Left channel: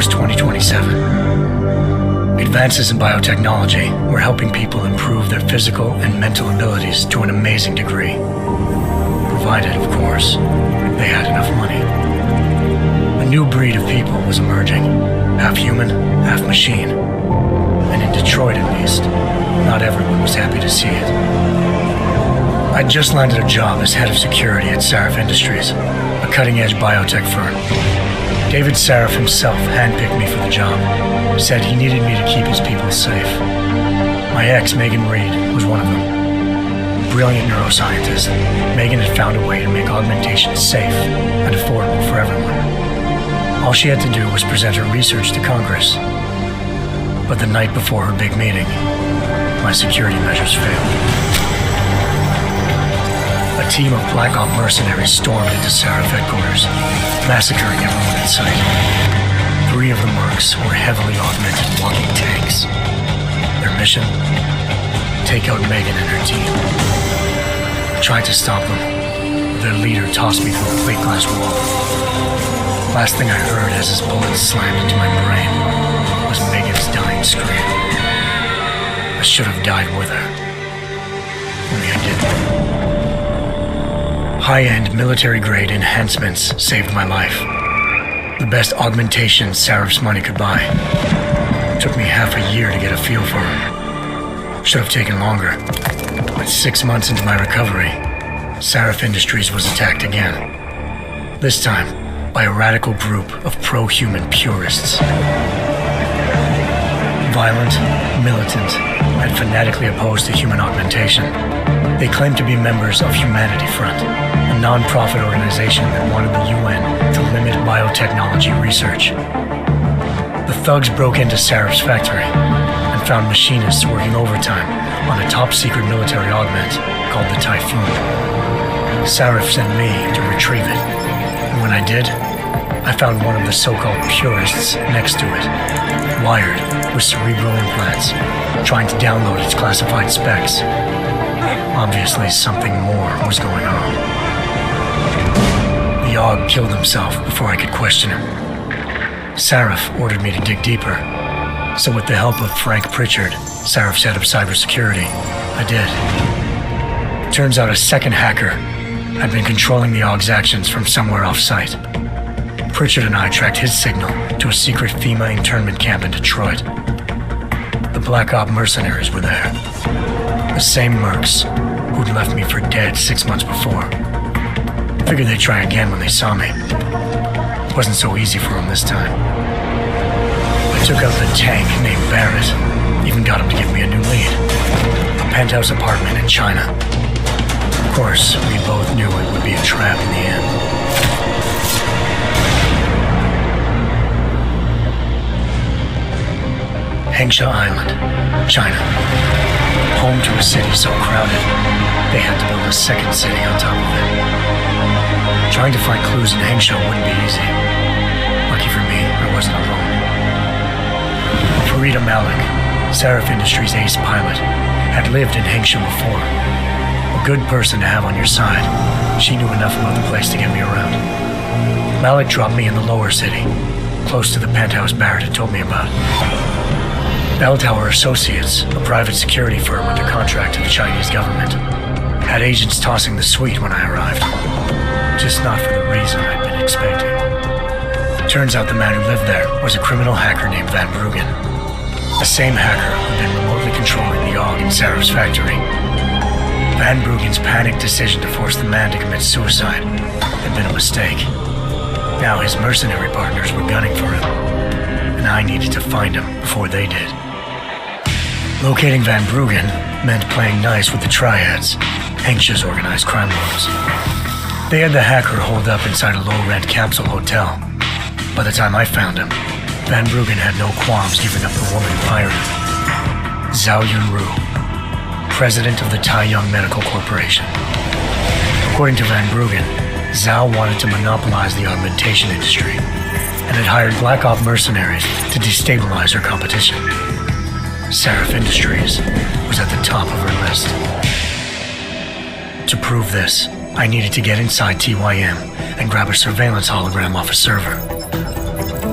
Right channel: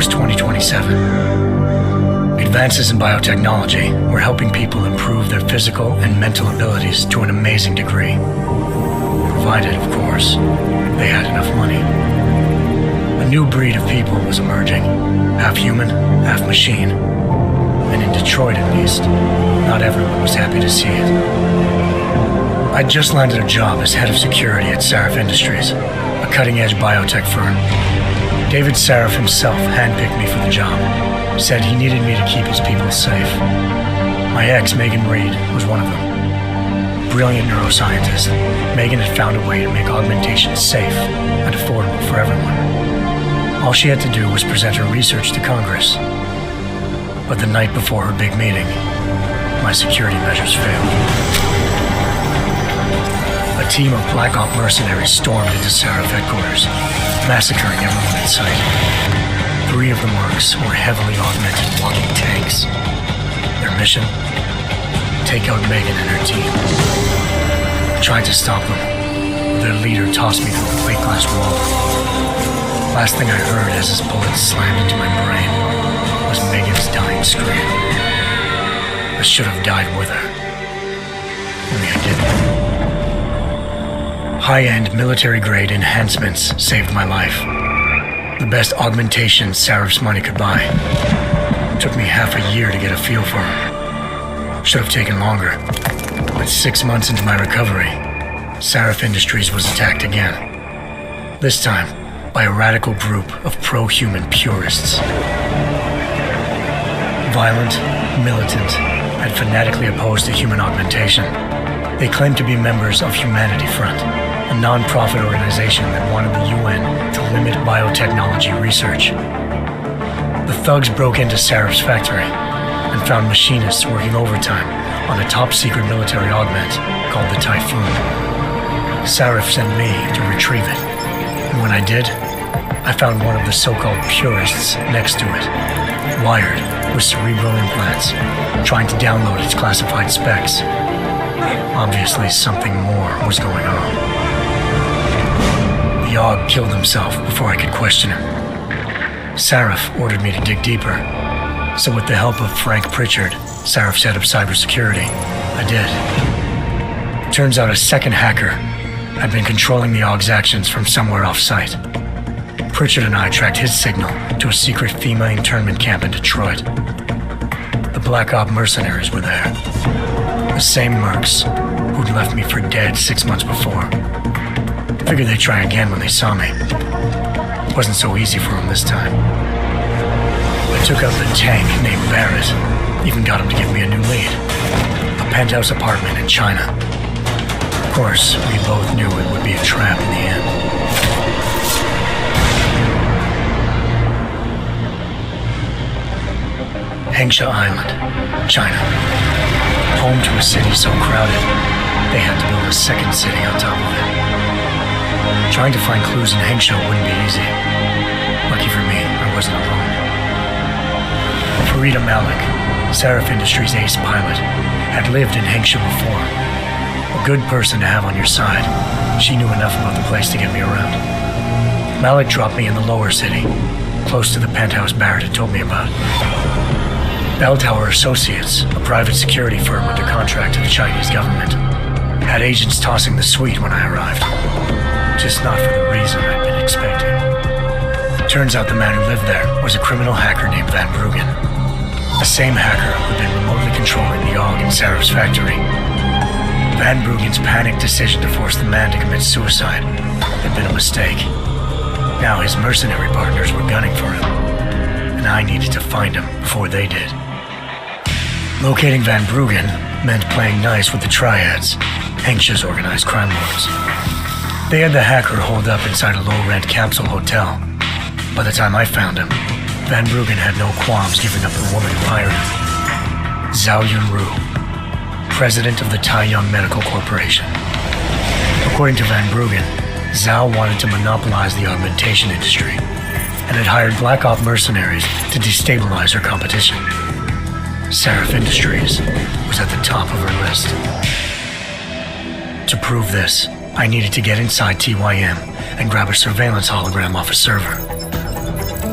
was 2027. Advances in biotechnology were helping people improve their physical and mental abilities to an amazing degree. Provided, of course, they had enough money. A new breed of people was emerging, half human, half machine. And in Detroit, at least, not everyone was happy to see it. I'd just landed a job as head of security at Sarif Industries, a cutting-edge biotech firm. David Sarif himself handpicked me for the job, said he needed me to keep his people safe. My ex, Megan Reed, was one of them. Brilliant neuroscientist, Megan had found a way to make augmentation safe and affordable for everyone. All she had to do was present her research to Congress. But the night before her big meeting, my security measures failed. A team of Black Op mercenaries stormed into Sarif headquarters, massacring everyone in sight. 3 of the mercs were heavily augmented walking tanks. Their mission? Take out Megan and her team. I tried to stop them, but their leader tossed me through a plate glass wall. Last thing I heard as his bullets slammed into my brain was Megan's dying scream. I should have died with her. Only I didn't. High-end military-grade enhancements saved my life. The best augmentation Sarif's money could buy. Took me half a year to get a feel for her. Should have taken longer. But 6 months into my recovery, Sarif Industries was attacked again. This time, by a radical group of pro-human purists. Violent, militant, and fanatically opposed to human augmentation. They claimed to be members of Humanity Front, a non-profit organization that wanted the UN to limit biotechnology research. The thugs broke into Sarif's factory and found machinists working overtime on a top-secret military augment called the Typhoon. Sarif sent me to retrieve it, and when I did, I found one of the so-called purists next to it, wired with cerebral implants, trying to download its classified specs. Obviously, something more was going on. The AUG killed himself before I could question him. Sarif ordered me to dig deeper, so with the help of Frank Pritchard, Sarif's head of cybersecurity, I did. Turns out a second hacker had been controlling the AUG's actions from somewhere off-site. Pritchard and I tracked his signal to a secret FEMA internment camp in Detroit. The Black Op mercenaries were there. The same mercs who'd left me for dead 6 months before. Figured they'd try again when they saw me. Wasn't so easy for them this time. I took out the tank named Barrett, even got him to give me a new lead. A penthouse apartment in China. Of course, we both knew it would be a trap in the end. Hengsha Island, China. Home to a city so crowded, they had to build a second city on top of it. Trying to find clues in Hengsha wouldn't be easy. Lucky for me, I wasn't alone. Farida Malik, Sarif Industries' ace pilot, had lived in Hengsha before. A good person to have on your side. She knew enough about the place to get me around. Malik dropped me in the lower city, close to the penthouse Barrett had told me about. Bell Tower Associates, a private security firm under contract to the Chinese government, had agents tossing the suite when I arrived. Just not for the reason I'd been expecting. Turns out the man who lived there was a criminal hacker named Van Bruggen. The same hacker who'd been remotely controlling the AUG in Sarif's factory. Van Bruggen's panicked decision to force the man to commit suicide had been a mistake. Now his mercenary partners were gunning for him, and I needed to find him before they did. Locating Van Bruggen meant playing nice with the Triads, Hengsha's organized crime lords. They had the hacker holed up inside a low-rent capsule hotel. By the time I found him, Van Bruggen had no qualms giving up the woman who hired him. Zhao Yunru, president of the Taiyang Medical Corporation. According to Van Bruggen, Zhao wanted to monopolize the augmentation industry and had hired Black Op mercenaries to destabilize her competition. Sarif Industries was at the top of her list. To prove this, I needed to get inside TYM and grab a surveillance hologram off a server.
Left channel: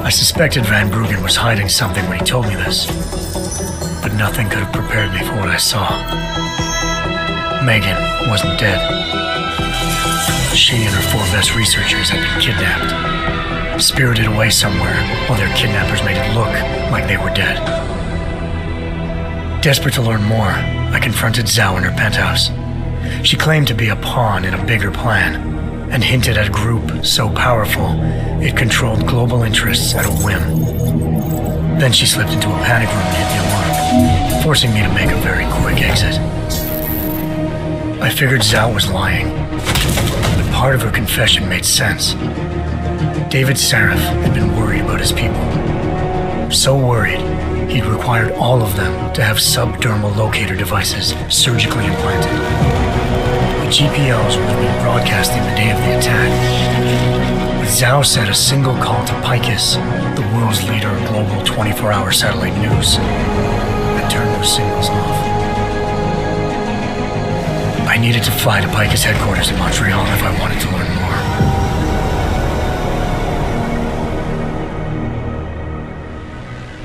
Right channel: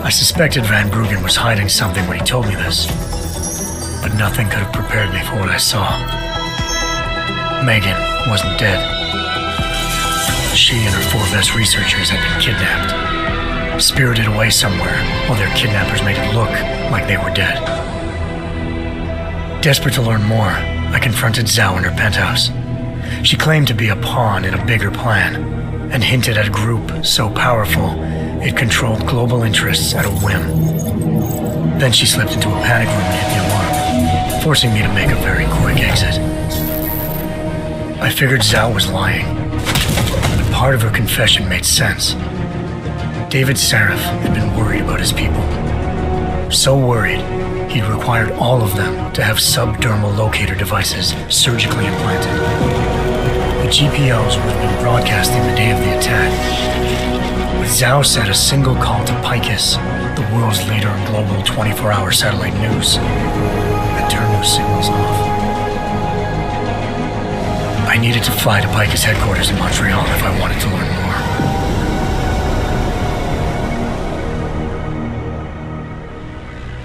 I suspected Van Bruggen was hiding something when he told me this, but nothing could have prepared me for what I saw. Megan wasn't dead. She and her 4 best researchers had been kidnapped, spirited away somewhere while their kidnappers made it look like they were dead. Desperate to learn more, I confronted Zhao in her penthouse. She claimed to be a pawn in a bigger plan, and hinted at a group so powerful it controlled global interests at a whim. Then she slipped into a panic room and hit the alarm, forcing me to make a very quick exit. I figured Zhao was lying, but part of her confession made sense. David Sarif had been worried about his people. So worried, he'd required all of them to have subdermal locator devices surgically implanted. The GPLs would have been broadcasting the day of the attack, but Zhao said a single call to Picus, the world's leader in global 24-hour satellite news, had turned those signals off. I needed to fly to Picus headquarters in Montreal if I wanted to learn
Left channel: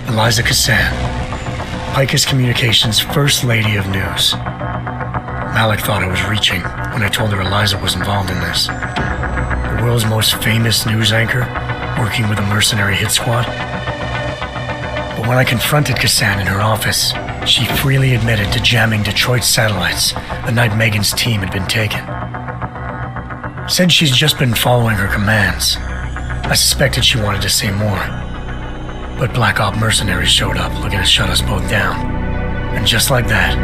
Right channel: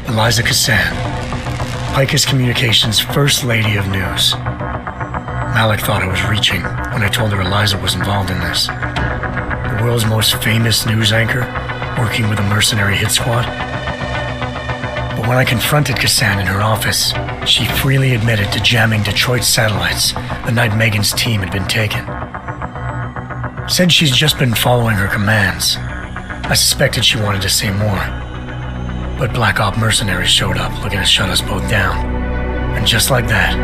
more. Eliza Cassan, Picus Communications' First Lady of News. Malik thought I was reaching when I told her Eliza was involved in this. The world's most famous news anchor, working with a mercenary hit squad. But when I confronted Cassan in her office, she freely admitted to jamming Detroit's satellites the night Megan's team had been taken. Said she's just been following her commands. I suspected she wanted to say more. But Black Op mercenaries showed up looking to shut us both down. And just like that,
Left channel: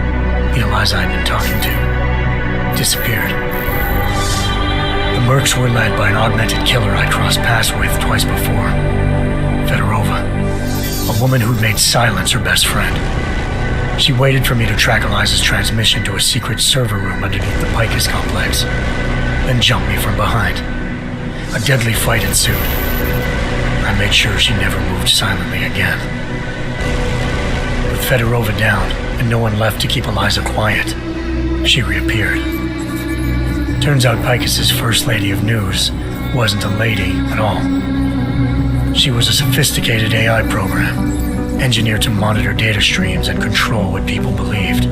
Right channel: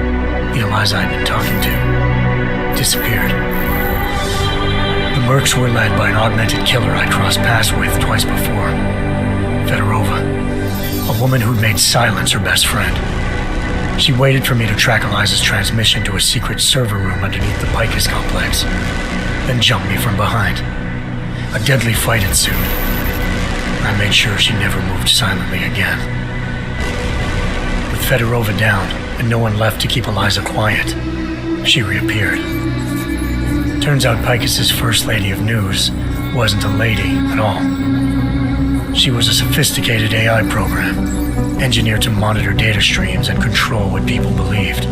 the Eliza I'd been talking to disappeared. The Mercs were led by an augmented killer I'd crossed paths with twice before, Fedorova, a woman who'd made silence her best friend. She waited for me to track Eliza's transmission to a secret server room underneath the Picus complex, then jumped me from behind. A deadly fight ensued. I made sure she never moved silently again. With Fedorova down and no one left to keep Eliza quiet, she reappeared. Turns out Picus's First Lady of News wasn't a lady at all. She was a sophisticated AI program, engineered to monitor data streams and control what people believed.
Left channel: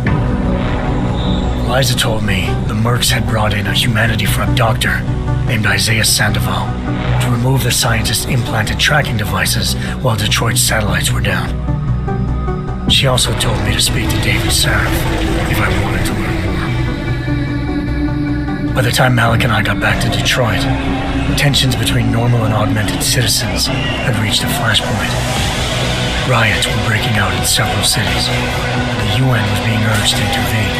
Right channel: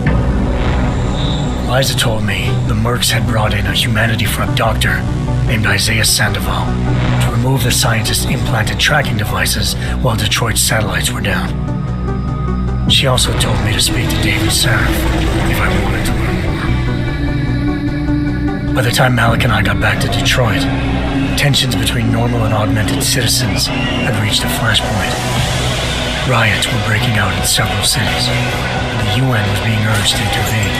Eliza told me the Mercs had brought in a Humanity Front doctor named Isaiah Sandoval to remove the scientist's implanted tracking devices while Detroit's satellites were down. She also told me to speak to David Sarif if I wanted to learn more. By the time Malik and I got back to Detroit, tensions between normal and augmented citizens had reached a flashpoint. Riots were breaking out in several cities, and the UN was being urged to intervene.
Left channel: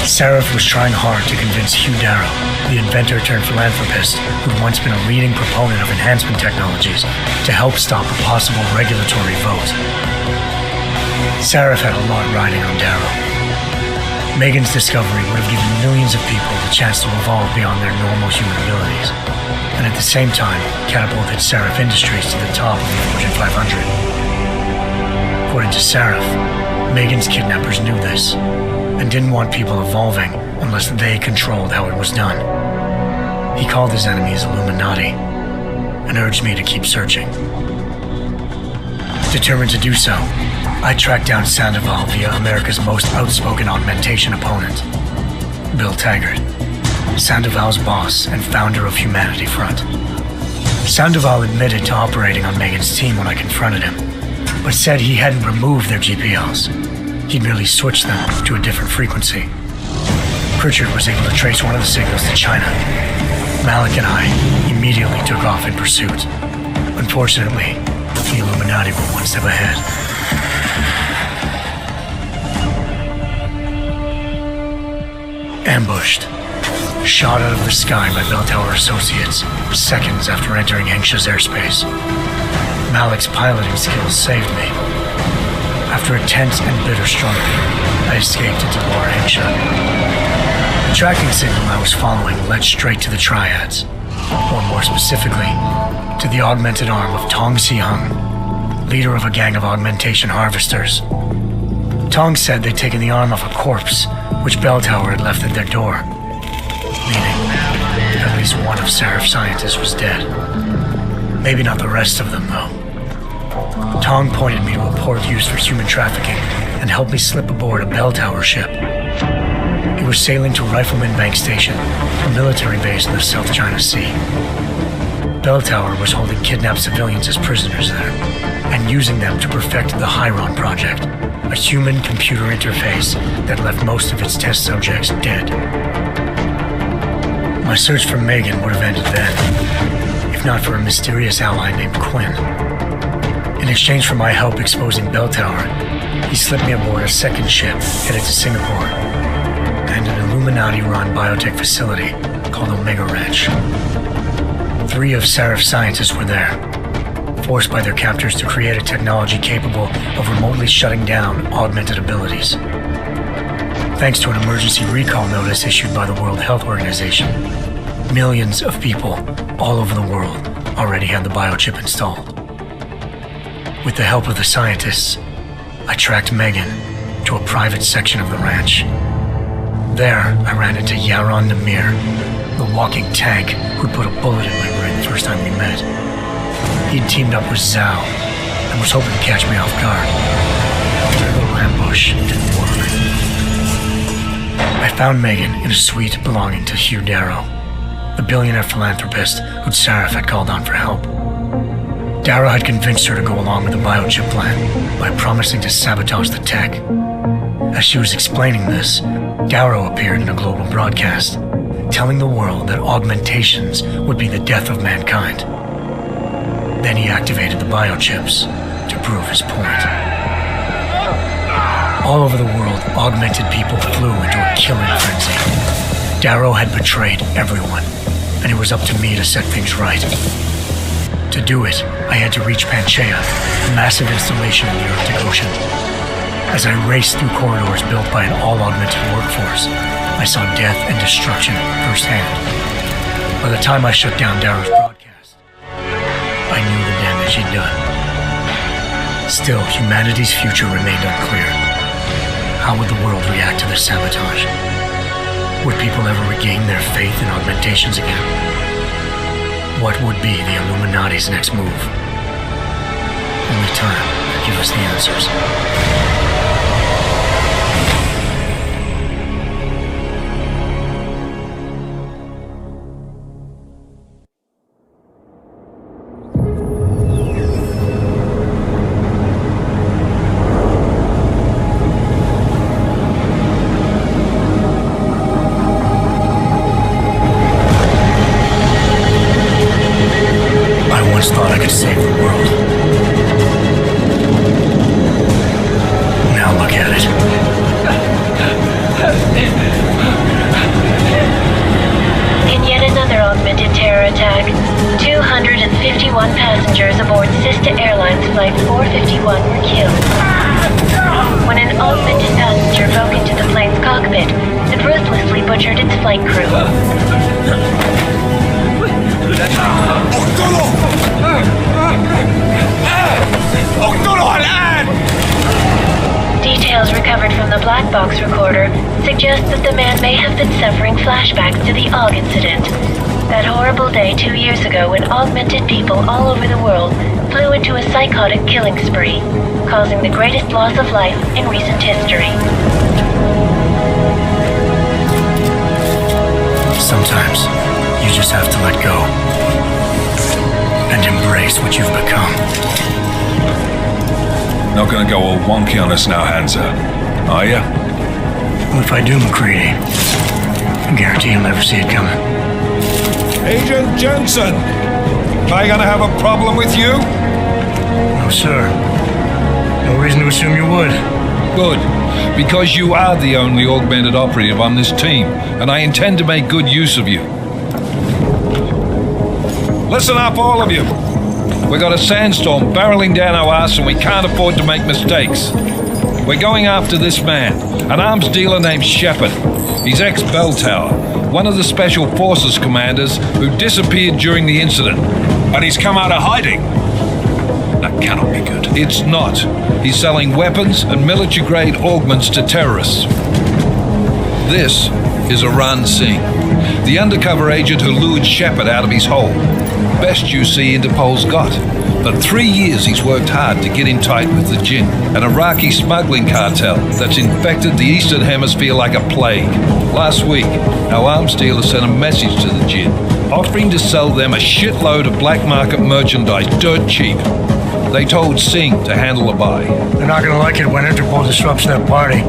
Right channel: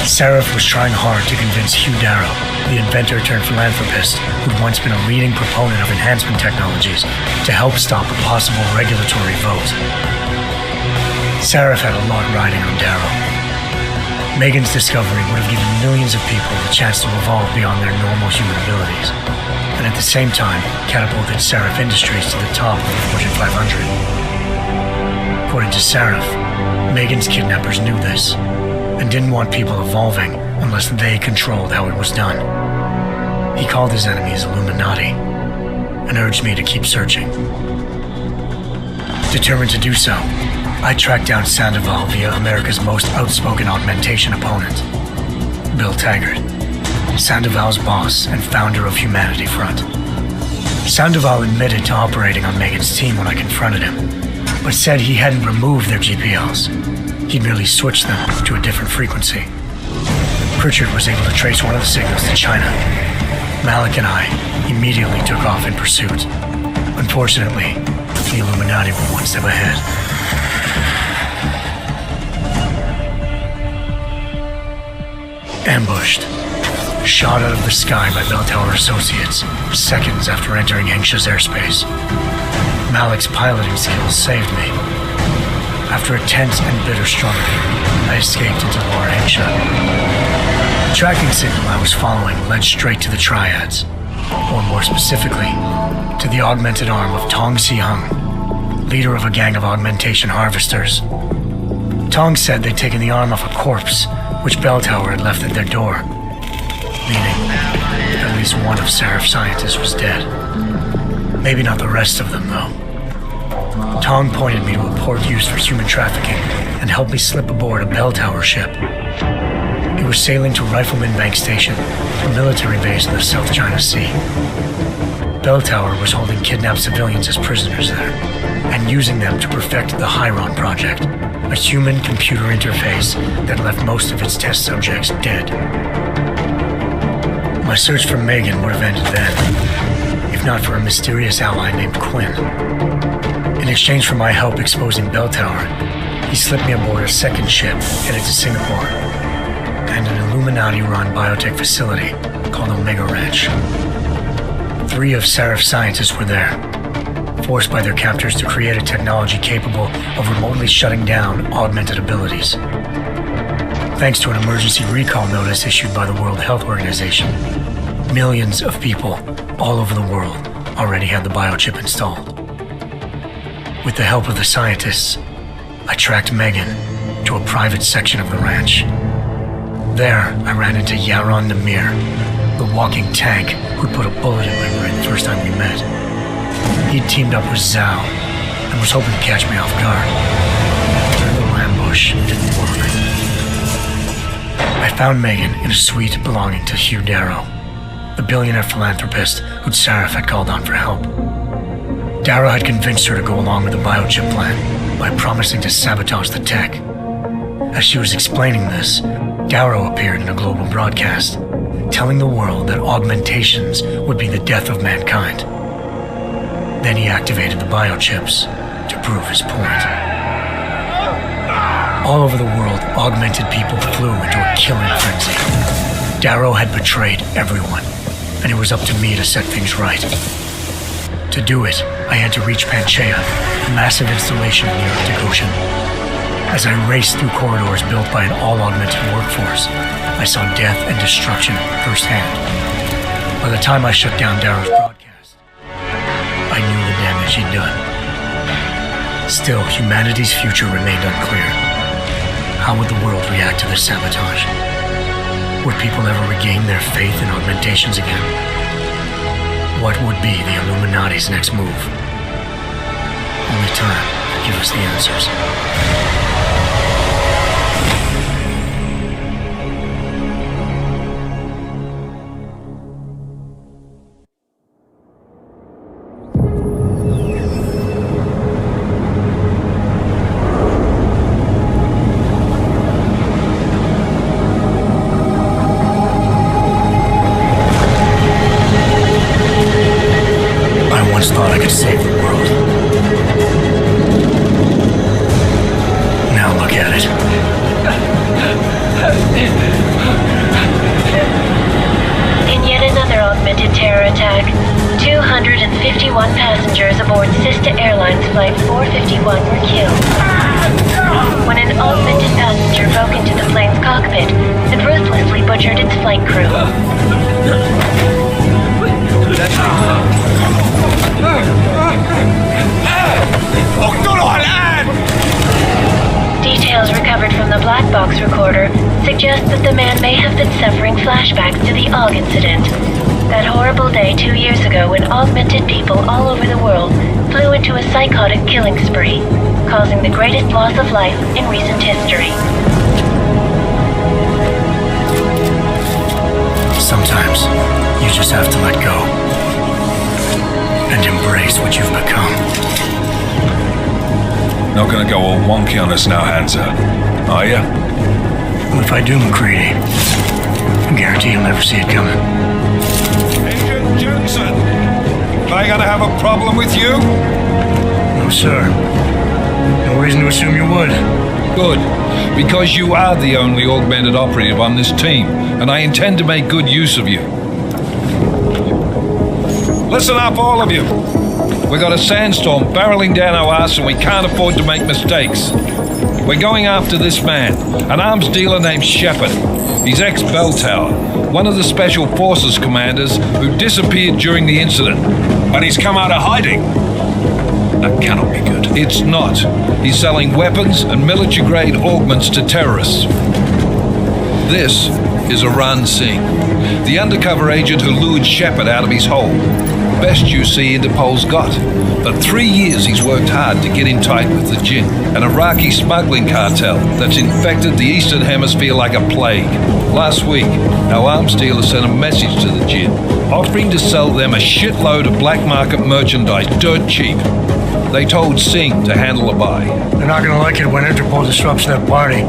Sarif was trying hard to convince Hugh Darrow, the inventor-turned-philanthropist who'd once been a leading proponent of enhancement technologies, to help stop a possible regulatory vote. Sarif had a lot riding on Darrow. Megan's discovery would have given millions of people the chance to evolve beyond their normal human abilities, and at the same time catapulted Sarif Industries to the top of the Fortune 500. According to Sarif, Megan's kidnappers knew this, and didn't want people evolving unless they controlled how it was done. He called his enemies Illuminati, and urged me to keep searching. Determined to do so, I tracked down Sandoval via America's most outspoken augmentation opponent, Bill Taggart, Sandoval's boss and founder of Humanity Front. Sandoval admitted to operating on Megan's team when I confronted him, but said he hadn't removed their GPLs. He'd merely switched them to a different frequency. Pritchard was able to trace one of the signals to China. Malik and I immediately took off in pursuit. Unfortunately, the Illuminati were one step ahead. Ambushed. Shot out of the sky by Bell Tower Associates, seconds after entering Hengsha's airspace. Malik's piloting skills saved me. After a tense and bitter struggle, I escaped into Lower Hengsha. The tracking signal I was following led straight to the Triads, or more specifically, to the augmented arm of Tong Si-hung, leader of a gang of augmentation harvesters. Tong said they'd taken the arm off a corpse, which Bell Tower had left at their door, meaning at least one of Sarif's scientists was dead. Maybe not the rest of them, though. Tong pointed me to a port used for human trafficking and helped me slip aboard a bell tower ship. It was sailing to Rifleman Bank Station, a military base in the South China Sea. Bell Tower was holding kidnapped civilians as prisoners there, and using them to perfect the Hyron Project, a human-computer interface that left most of its test subjects dead. My search for Megan would have ended then, if not for a mysterious ally named Quinn. In exchange for my help exposing Bell Tower, he slipped me aboard a second ship headed to Singapore and an Illuminati-run biotech facility called Omega Ranch. 3 of Seraph's scientists were there, forced by their captors to create a technology capable of remotely shutting down augmented abilities. Thanks to an emergency recall notice issued by the World Health Organization, millions of people all over the world already had the biochip installed. With the help of the scientists, I tracked Megan to a private section of the ranch. There, I ran into Yaron Namir, the walking tank who'd put a bullet in my brain the first time we met. He'd teamed up with Zhao and was hoping to catch me off guard. Their little ambush didn't work. I found Megan in a suite belonging to Hugh Darrow, the billionaire philanthropist who'd Seraph had called on for help. Darrow had convinced her to go along with the biochip plan by promising to sabotage the tech. As she was explaining this, Darrow appeared in a global broadcast, telling the world that augmentations would be the death of mankind. Then he activated the biochips to prove his point. All over the world, augmented people flew into a killing frenzy. Darrow had betrayed everyone, and it was up to me to set things right. To do it, I had to reach Panchaea, a massive installation in the Arctic Ocean. As I raced through corridors built by an all-augmented workforce, I saw death and destruction firsthand. By the time I shut down Darrow's broadcast, I knew the damage he'd done. Still, humanity's future remained unclear. How would the world react to this sabotage? Would people ever regain their faith in augmentations again? What would be the Illuminati's next move? Only time could give us the answers. I once thought I could save the world. Now look at it. In yet another augmented terror attack, 251 passengers aboard Sista Airlines Flight 451 were killed. When an augmented passenger broke into the plane's cockpit and ruthlessly butchered its flight crew. Details recovered from the black box recorder suggest that the man may have been suffering flashbacks to the AUG incident. That horrible day 2 years ago when augmented people all over the world flew into a psychotic killing spree, causing the greatest loss of life in recent history. Sometimes, you just have to let go and embrace what you've become. Not gonna go all wonky on us now, Hansa, are ya? Well, if I do, McCready, I guarantee you'll never see it coming. Agent Jensen, am I gonna have a problem with you? No, sir. No reason to assume you would. Good, because you are the only augmented operative on this team, and I intend to make good use of you. Listen up, all of you. We got a sandstorm barreling down our ass and we can't afford to make mistakes. We're going after this man, an arms dealer named Shepard. He's ex-Bell Tower, one of the Special Forces commanders who disappeared during the incident. And he's come out of hiding. That cannot be good. It's not. He's selling weapons and military-grade augments to terrorists. This is Aran Singh, the undercover agent who lured Shepard out of his hole. best UC Interpol's got. For 3 years he's worked hard to get in tight with the Jinn, an Iraqi smuggling cartel that's infected the Eastern Hemisphere like a plague. Last week, our arms dealer sent a message to the Jinn, offering to sell them a shitload of black market merchandise dirt cheap. They told Singh to handle the buy. They're not gonna like it when Interpol disrupts their party.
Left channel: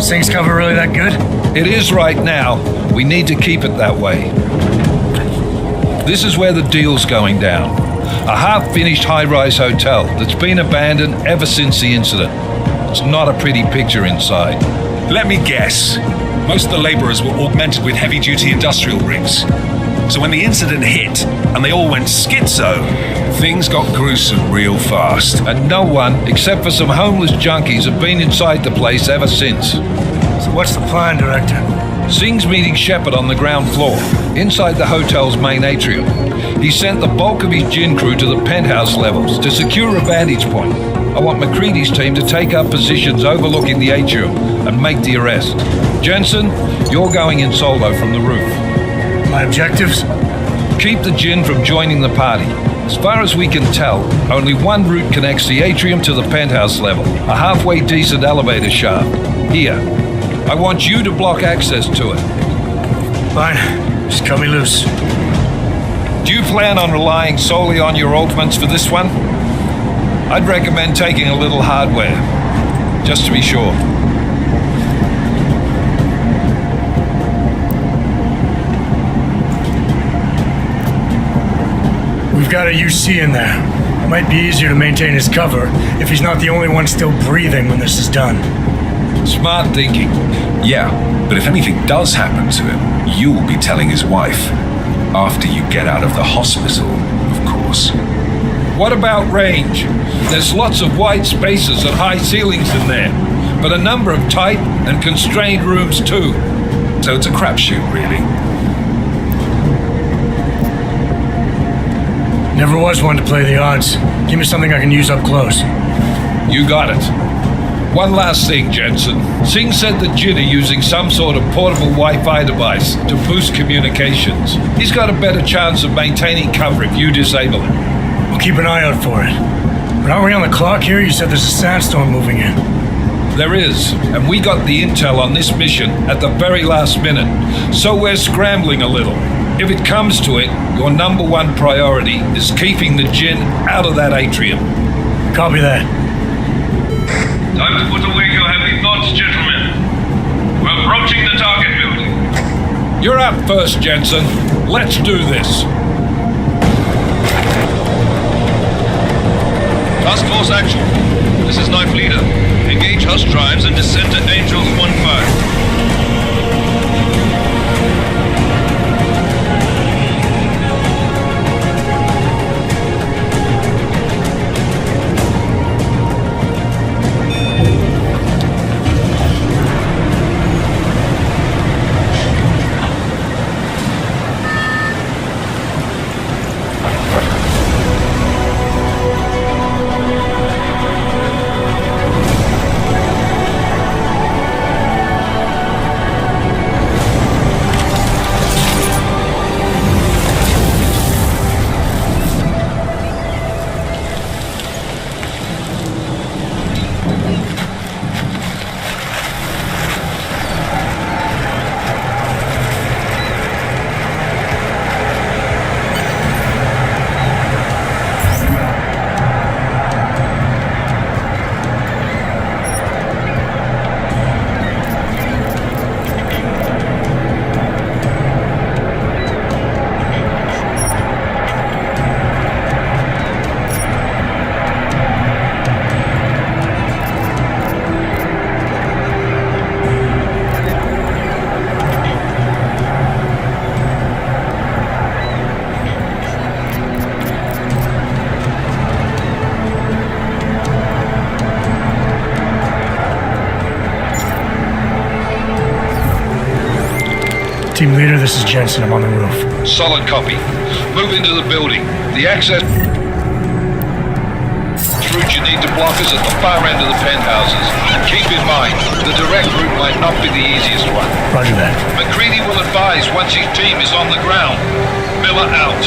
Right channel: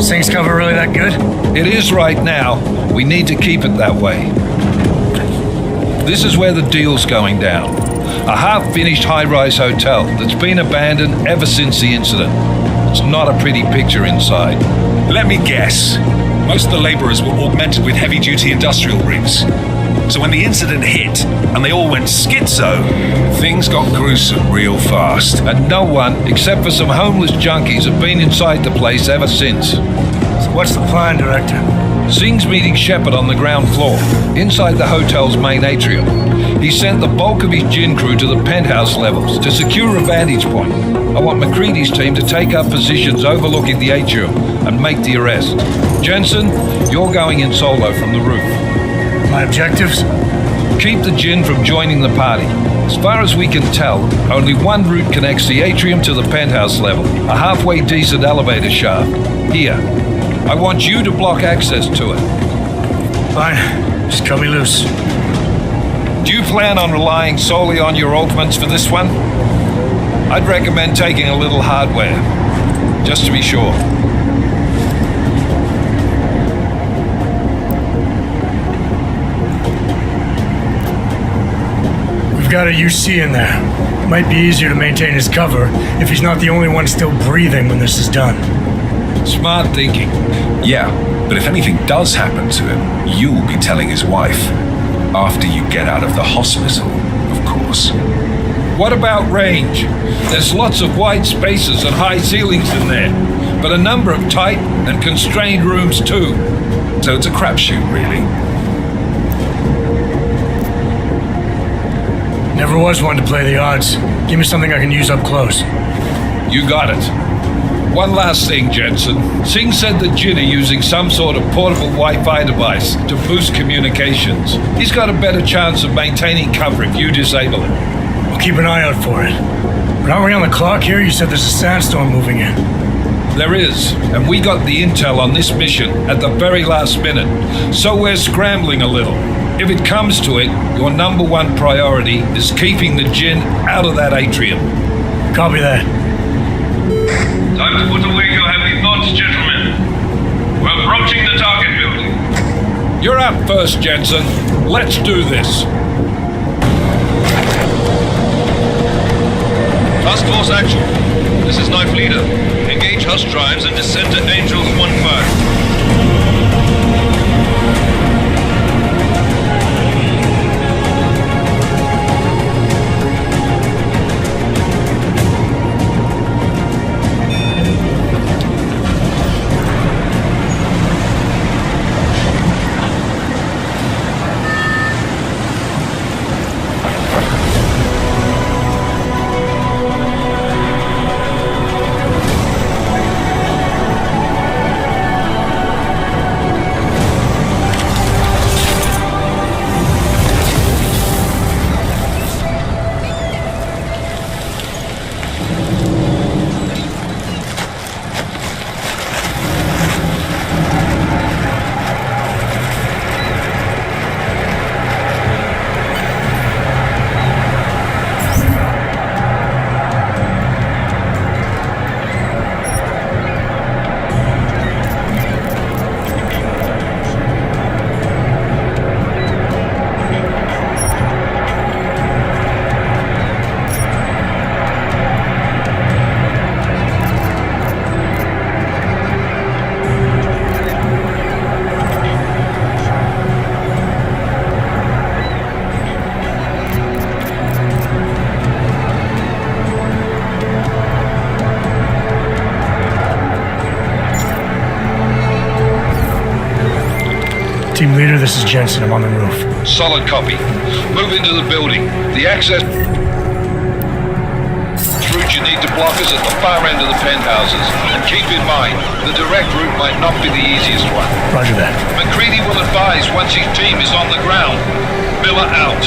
Singh's cover really that good? It is right now. We need to keep it that way. This is where the deal's going down. A half-finished high-rise hotel that's been abandoned ever since the incident. It's not a pretty picture inside. Let me guess. Most of the laborers were augmented with heavy-duty industrial rigs. So when the incident hit, and they all went schizo, things got gruesome real fast. And no one, except for some homeless junkies, have been inside the place ever since. So what's the plan, Director? Singh's meeting Shepard on the ground floor, inside the hotel's main atrium. He sent the bulk of his Jinn crew to the penthouse levels to secure a vantage point. I want McCready's team to take up positions overlooking the atrium and make the arrest. Jensen, you're going in solo from the roof. My objectives? Keep the Jinn from joining the party. As far as we can tell, only one route connects the atrium to the penthouse level, a halfway decent elevator shaft. Here. I want you to block access to it. Fine. Just cut me loose. Do you plan on relying solely on your ultimates for this one? I'd recommend taking a little hardware, just to be sure. We've got a UC in there. Might be easier to maintain his cover if he's not the only one still breathing when this is done. Smart thinking. Yeah, but if anything does happen to him, you'll be telling his wife. After you get out of the hospital, of course. What about range? There's lots of wide spaces and high ceilings in there, but a number of tight and constrained rooms too. So it's a crapshoot, really. Never was one to play the odds. Give me something I can use up close. You got it. One last thing, Jensen. Singh said the Jinn are using some sort of portable Wi-Fi device to boost communications. He's got a better chance of maintaining cover if you disable it. I'll keep an eye out for it. But aren't we on the clock here? You said there's a sandstorm moving in. There is, and we got the intel on this mission at the very last minute, so we're scrambling a little. If it comes to it, your number one priority is keeping the Jinn out of that atrium. Copy that. Time to put away your heavy thoughts, gentlemen. We're approaching the target building. You're up first, Jensen. Let's do this. Task Force Actual. This is Knife Leader. Engage Hush drives and descend to Angels 1-5. Team leader, this is Jensen. I'm on the roof. Solid copy. Move into the building. The access route you need to block is at the far end of the penthouses. And keep in mind, the direct route might not be the easiest one. Roger that. McCready will advise once his team is on the ground. Miller out.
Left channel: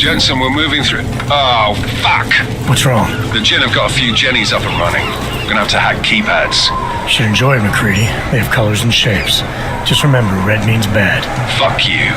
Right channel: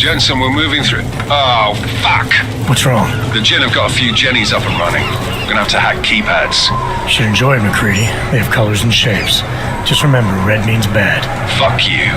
Jensen, we're moving through. Oh, fuck! What's wrong? The Gen have got a few Jennies up and running. Gonna have to hack keypads. Should enjoy it, McCready. They have colors and shapes. Just remember, red means bad. Fuck you.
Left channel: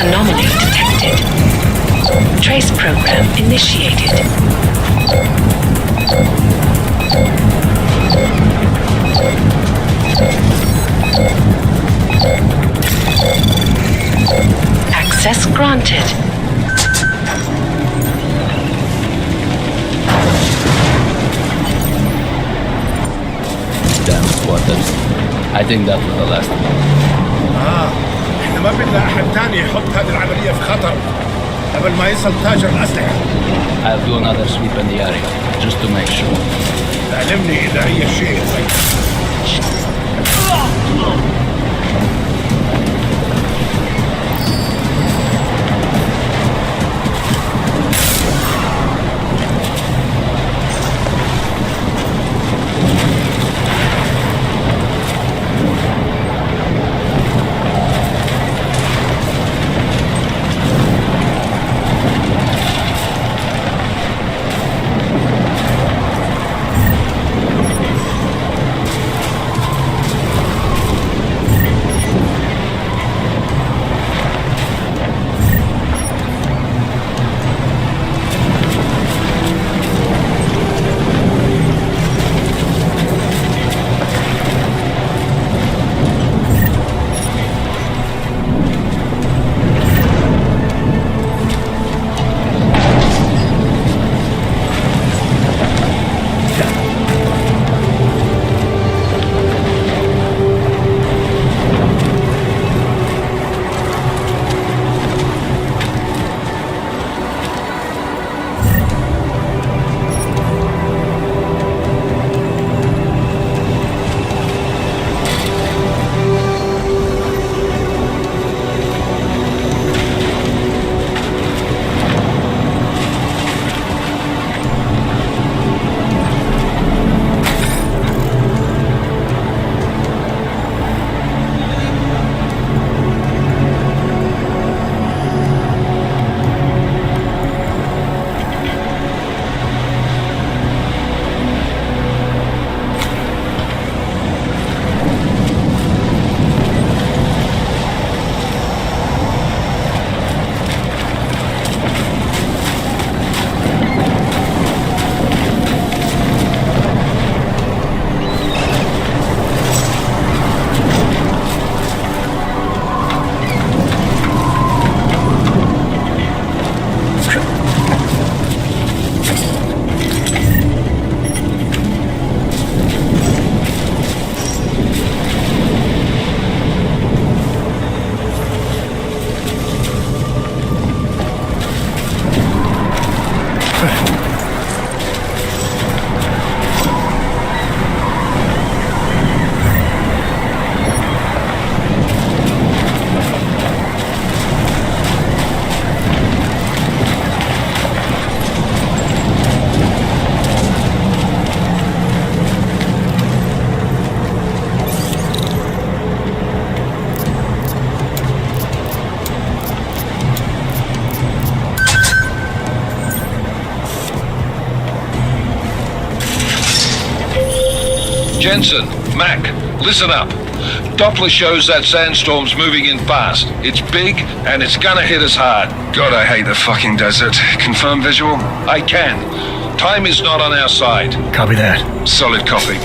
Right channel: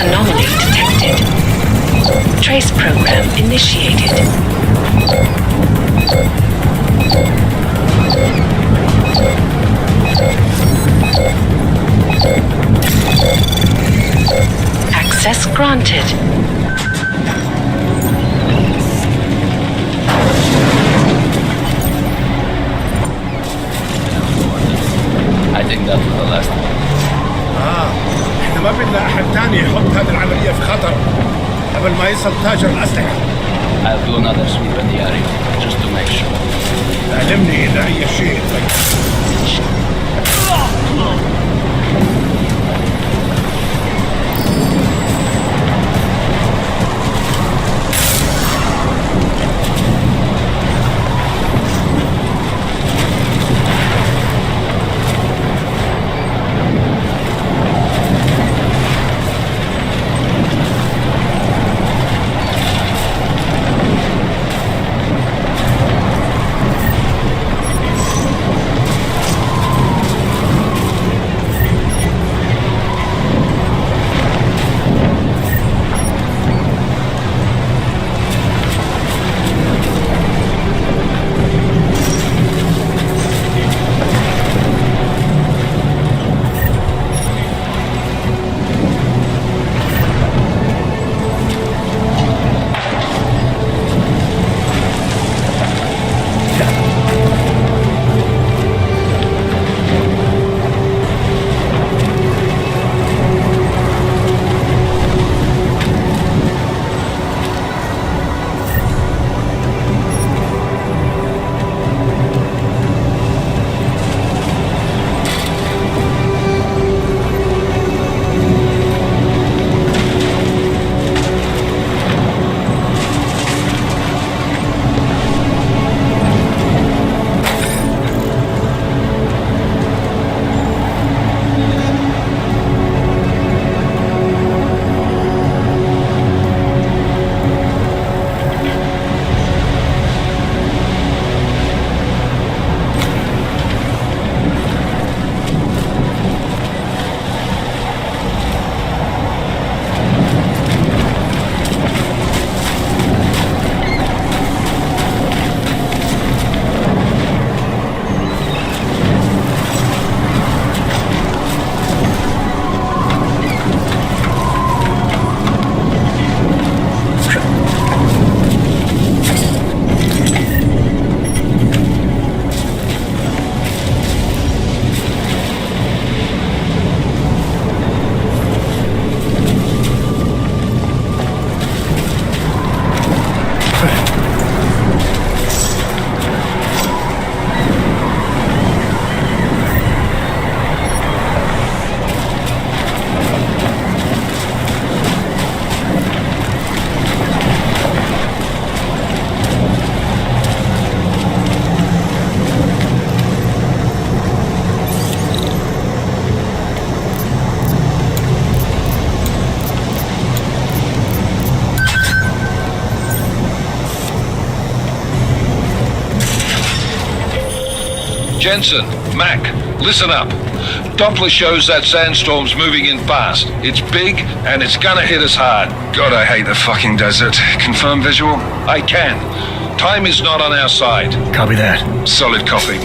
Anomaly detected. Trace program initiated. Access granted. I think that was the last one. احنا ما بدنا احد تاني يحط هذه العملية في خطر قبل ما يصل تاجر الأسلحة. I'll do another sweep in the area, just to make sure. علمني إذا أي شيء Jensen, Mac, listen up. Doppler shows that sandstorm's moving in fast. It's big, and it's gonna hit us hard. God, I hate the fucking desert. Confirm visual? I can. Time is not on our side. Copy that. Solid copy.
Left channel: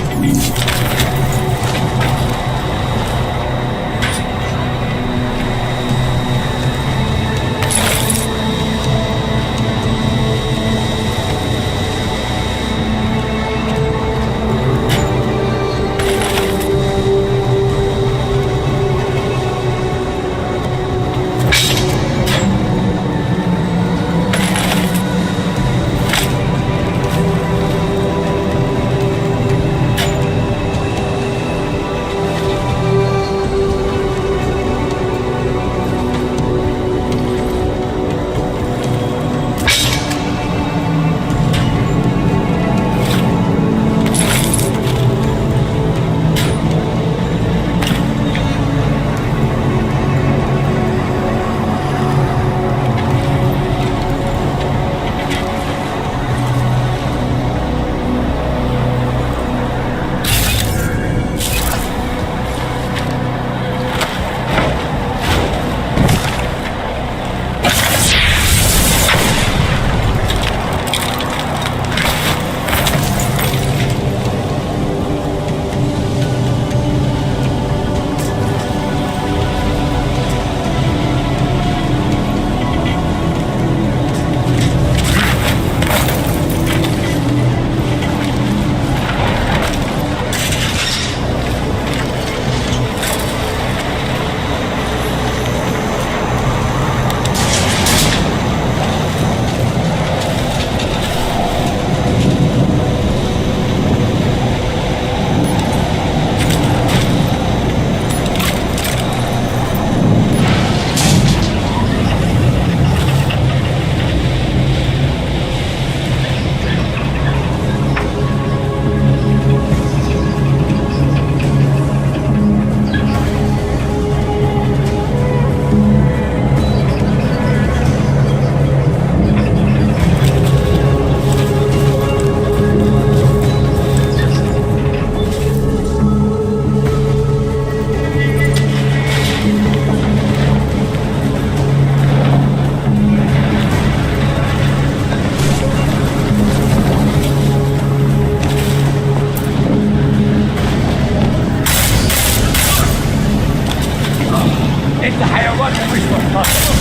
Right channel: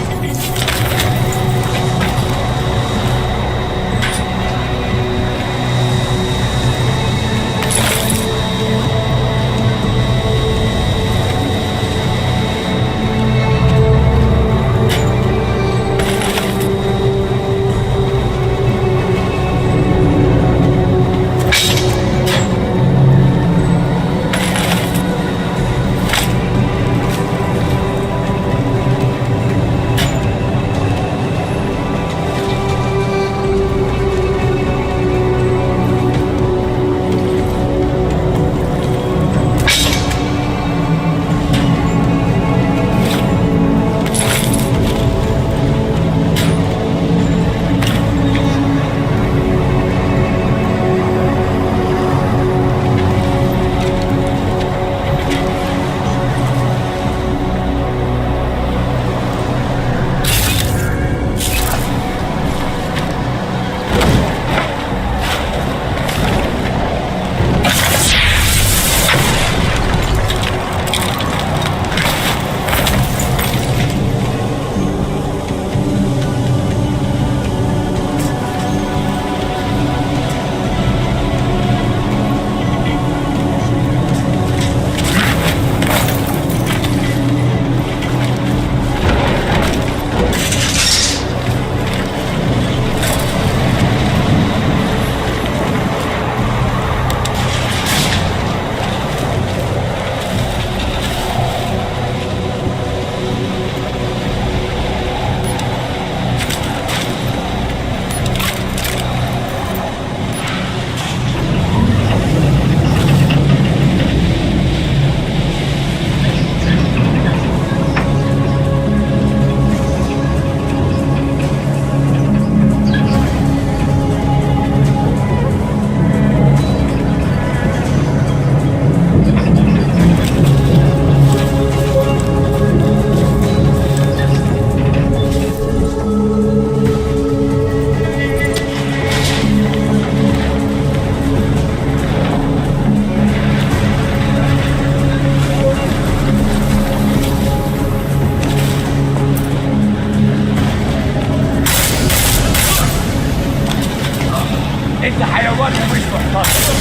انت حيوان ومش محترم.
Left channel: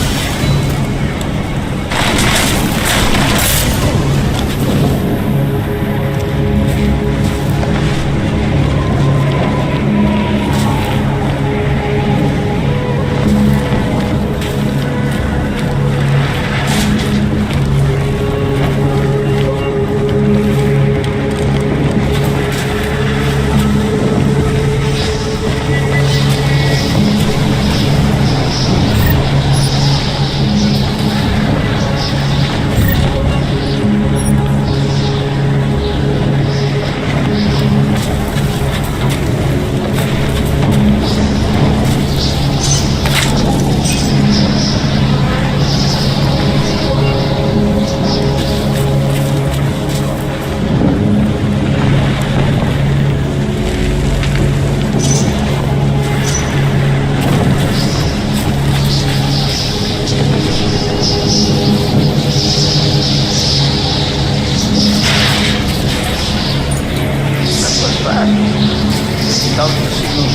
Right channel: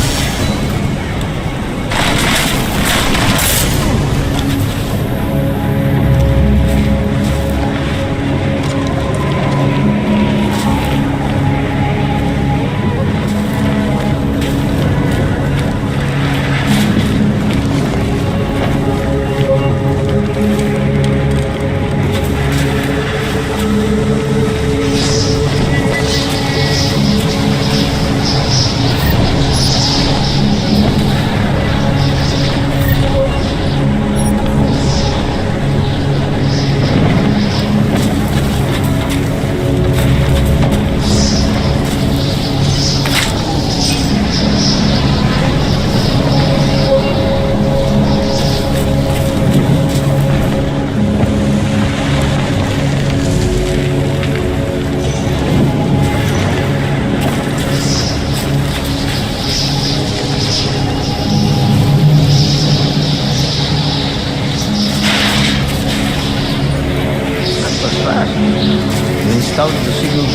Installed the signal.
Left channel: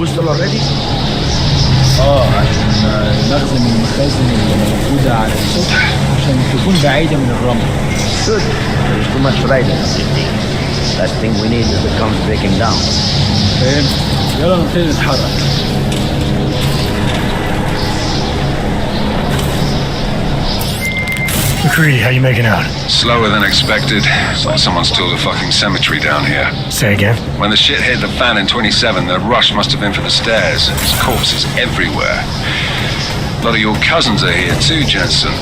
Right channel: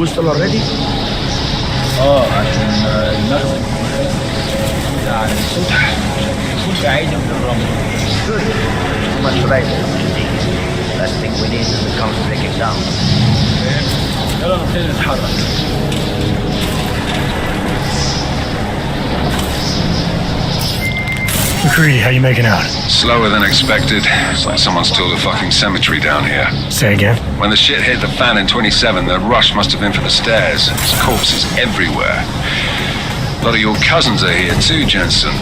Whistle already? عشان المخزن والمخازن اللي موجودة على السطح عشان تكون بعيدة من الرمل. Good. There is too much riding up this thing. Last thing we need is the cones breaking down. فاهم؟ يلا نبتدي نتحرك. McCready, how you making out? Slower than expected. It's like someone's tilled a fucking cemetery down here. Say again? When the shit hit the fan in 27, the rush must have been for the stairs. There's corpses everywhere. A lot of your cousins are here too, Jensen.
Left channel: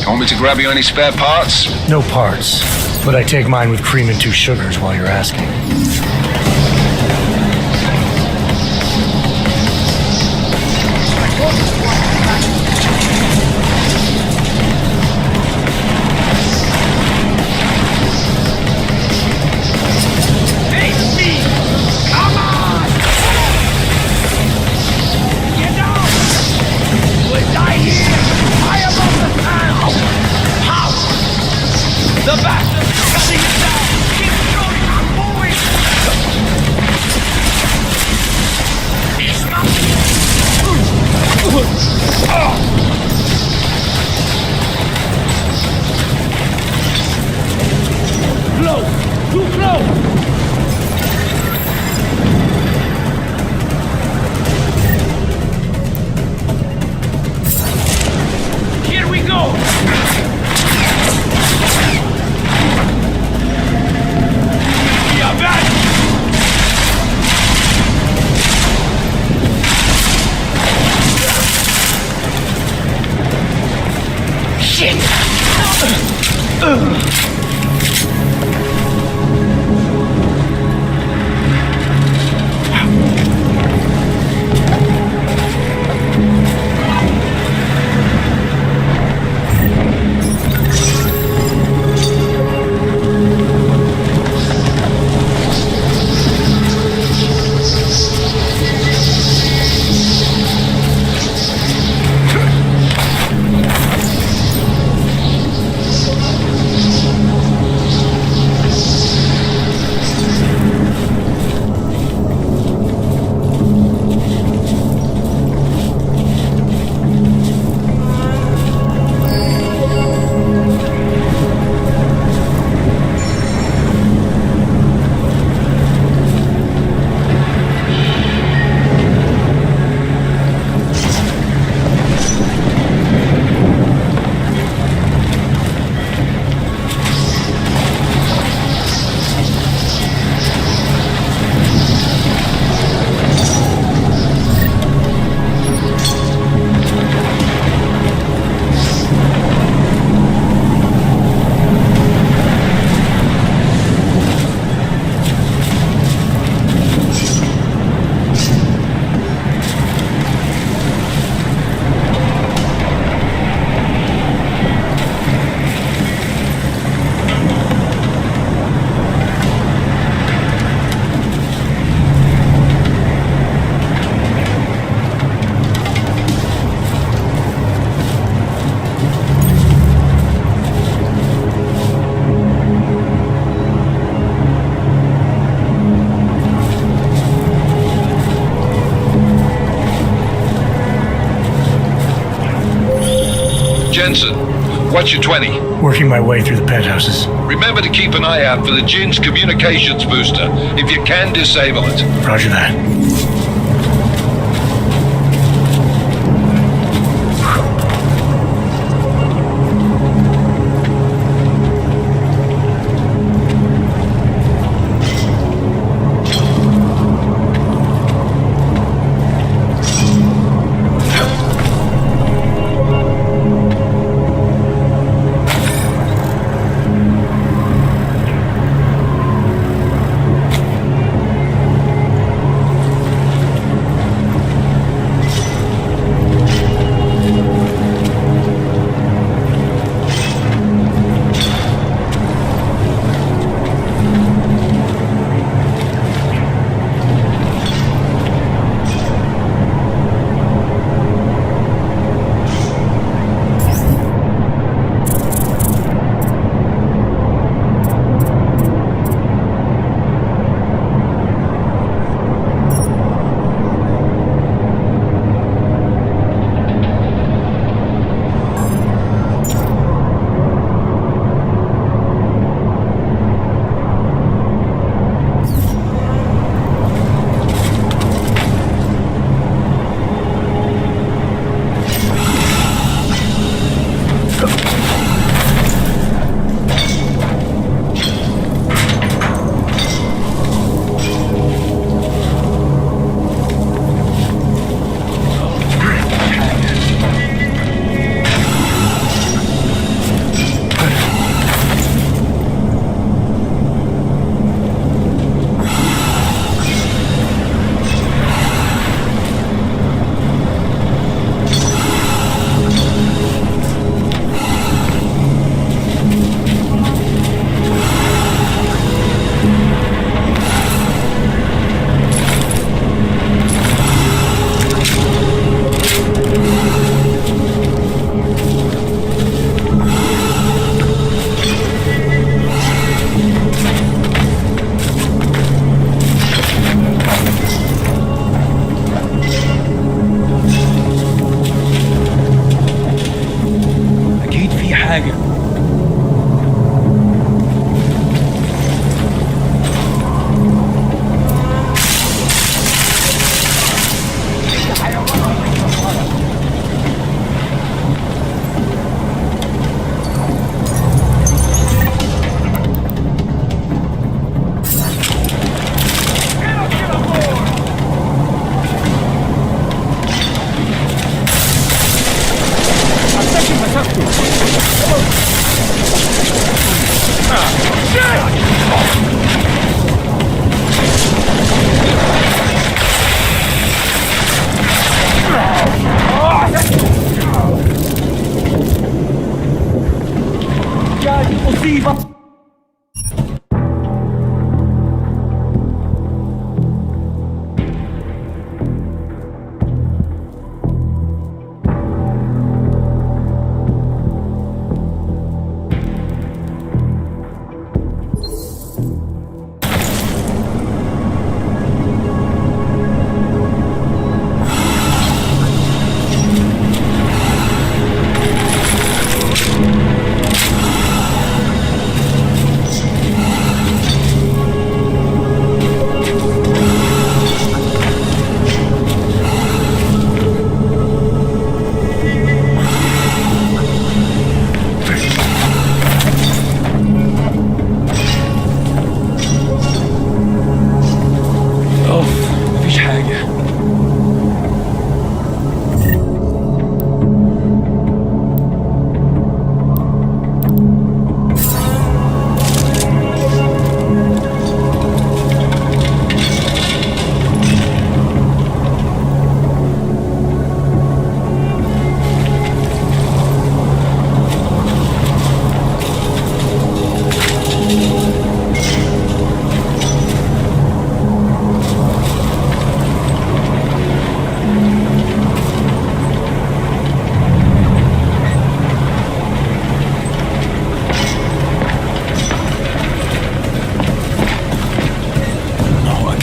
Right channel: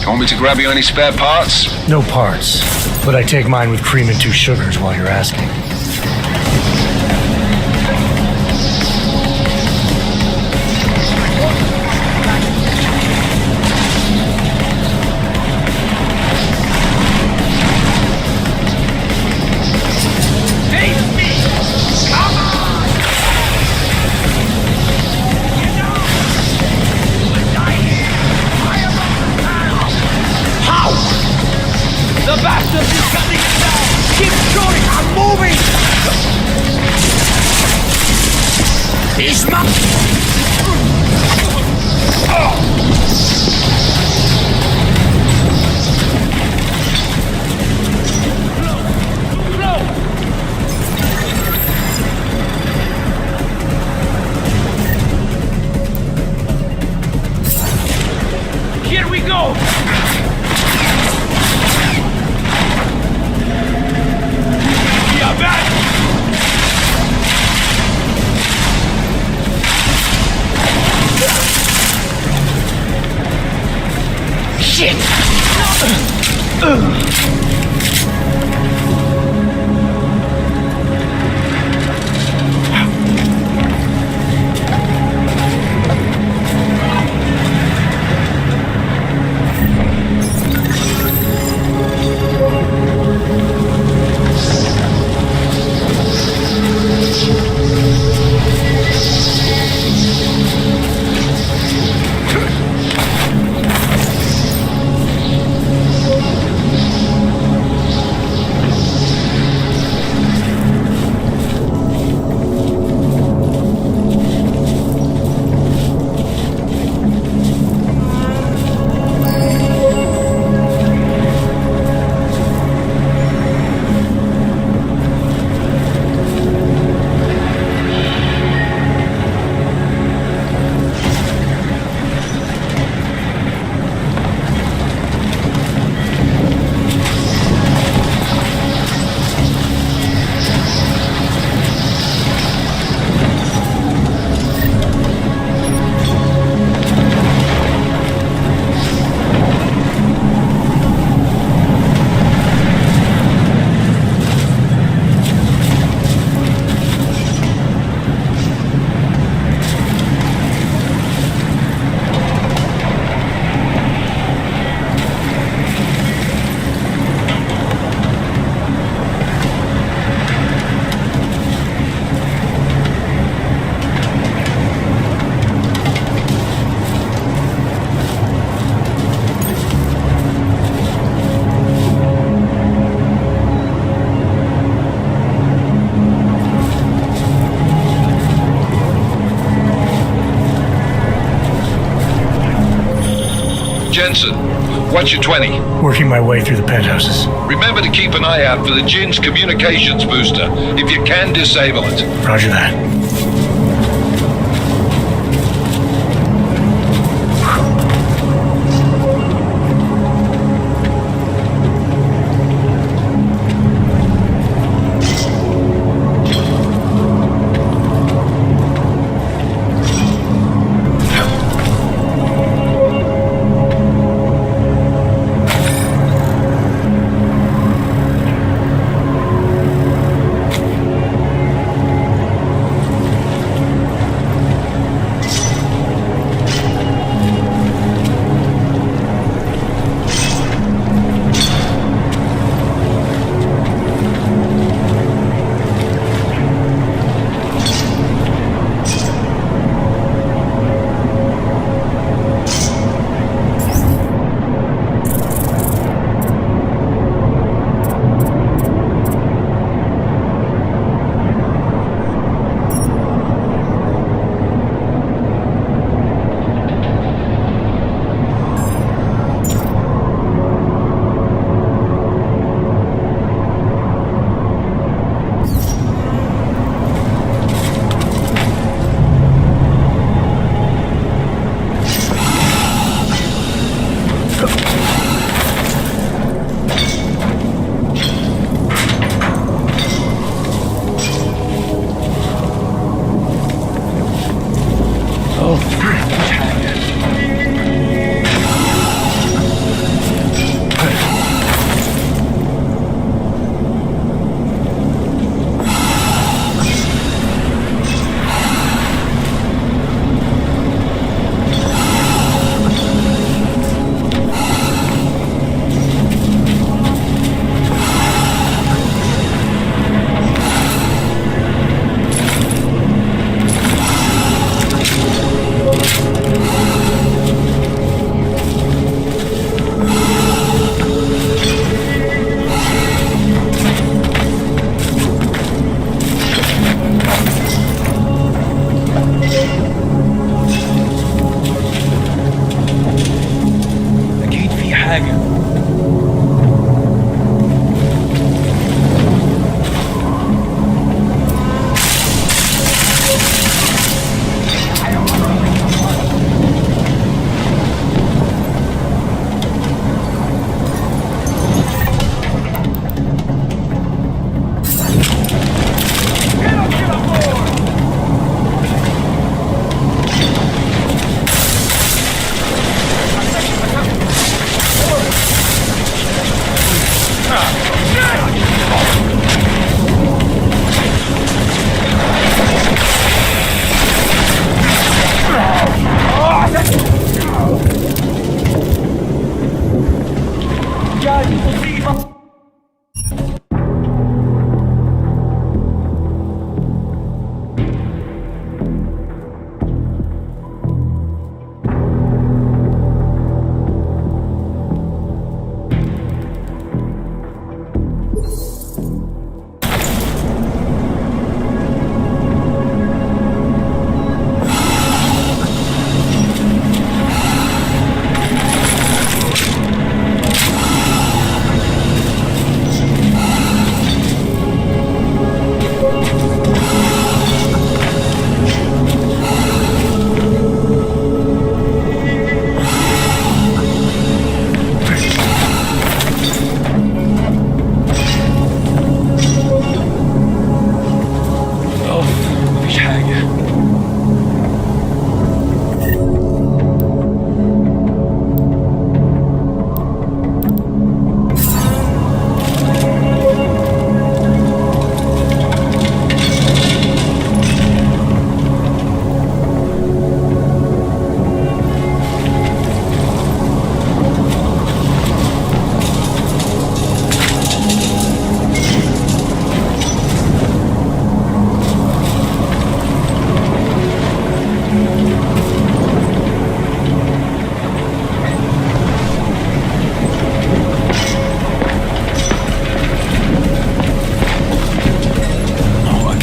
You want me to grab you any spare parts? No parts, but I take mine with cream and 2 sugars while you're asking. Here we go! Yeah, back! Shit! Jensen, what's your 20? Working my way through the penthouses. Remember to keep an eye out for the Jin's communications booster. If you can, disable it. Roger that.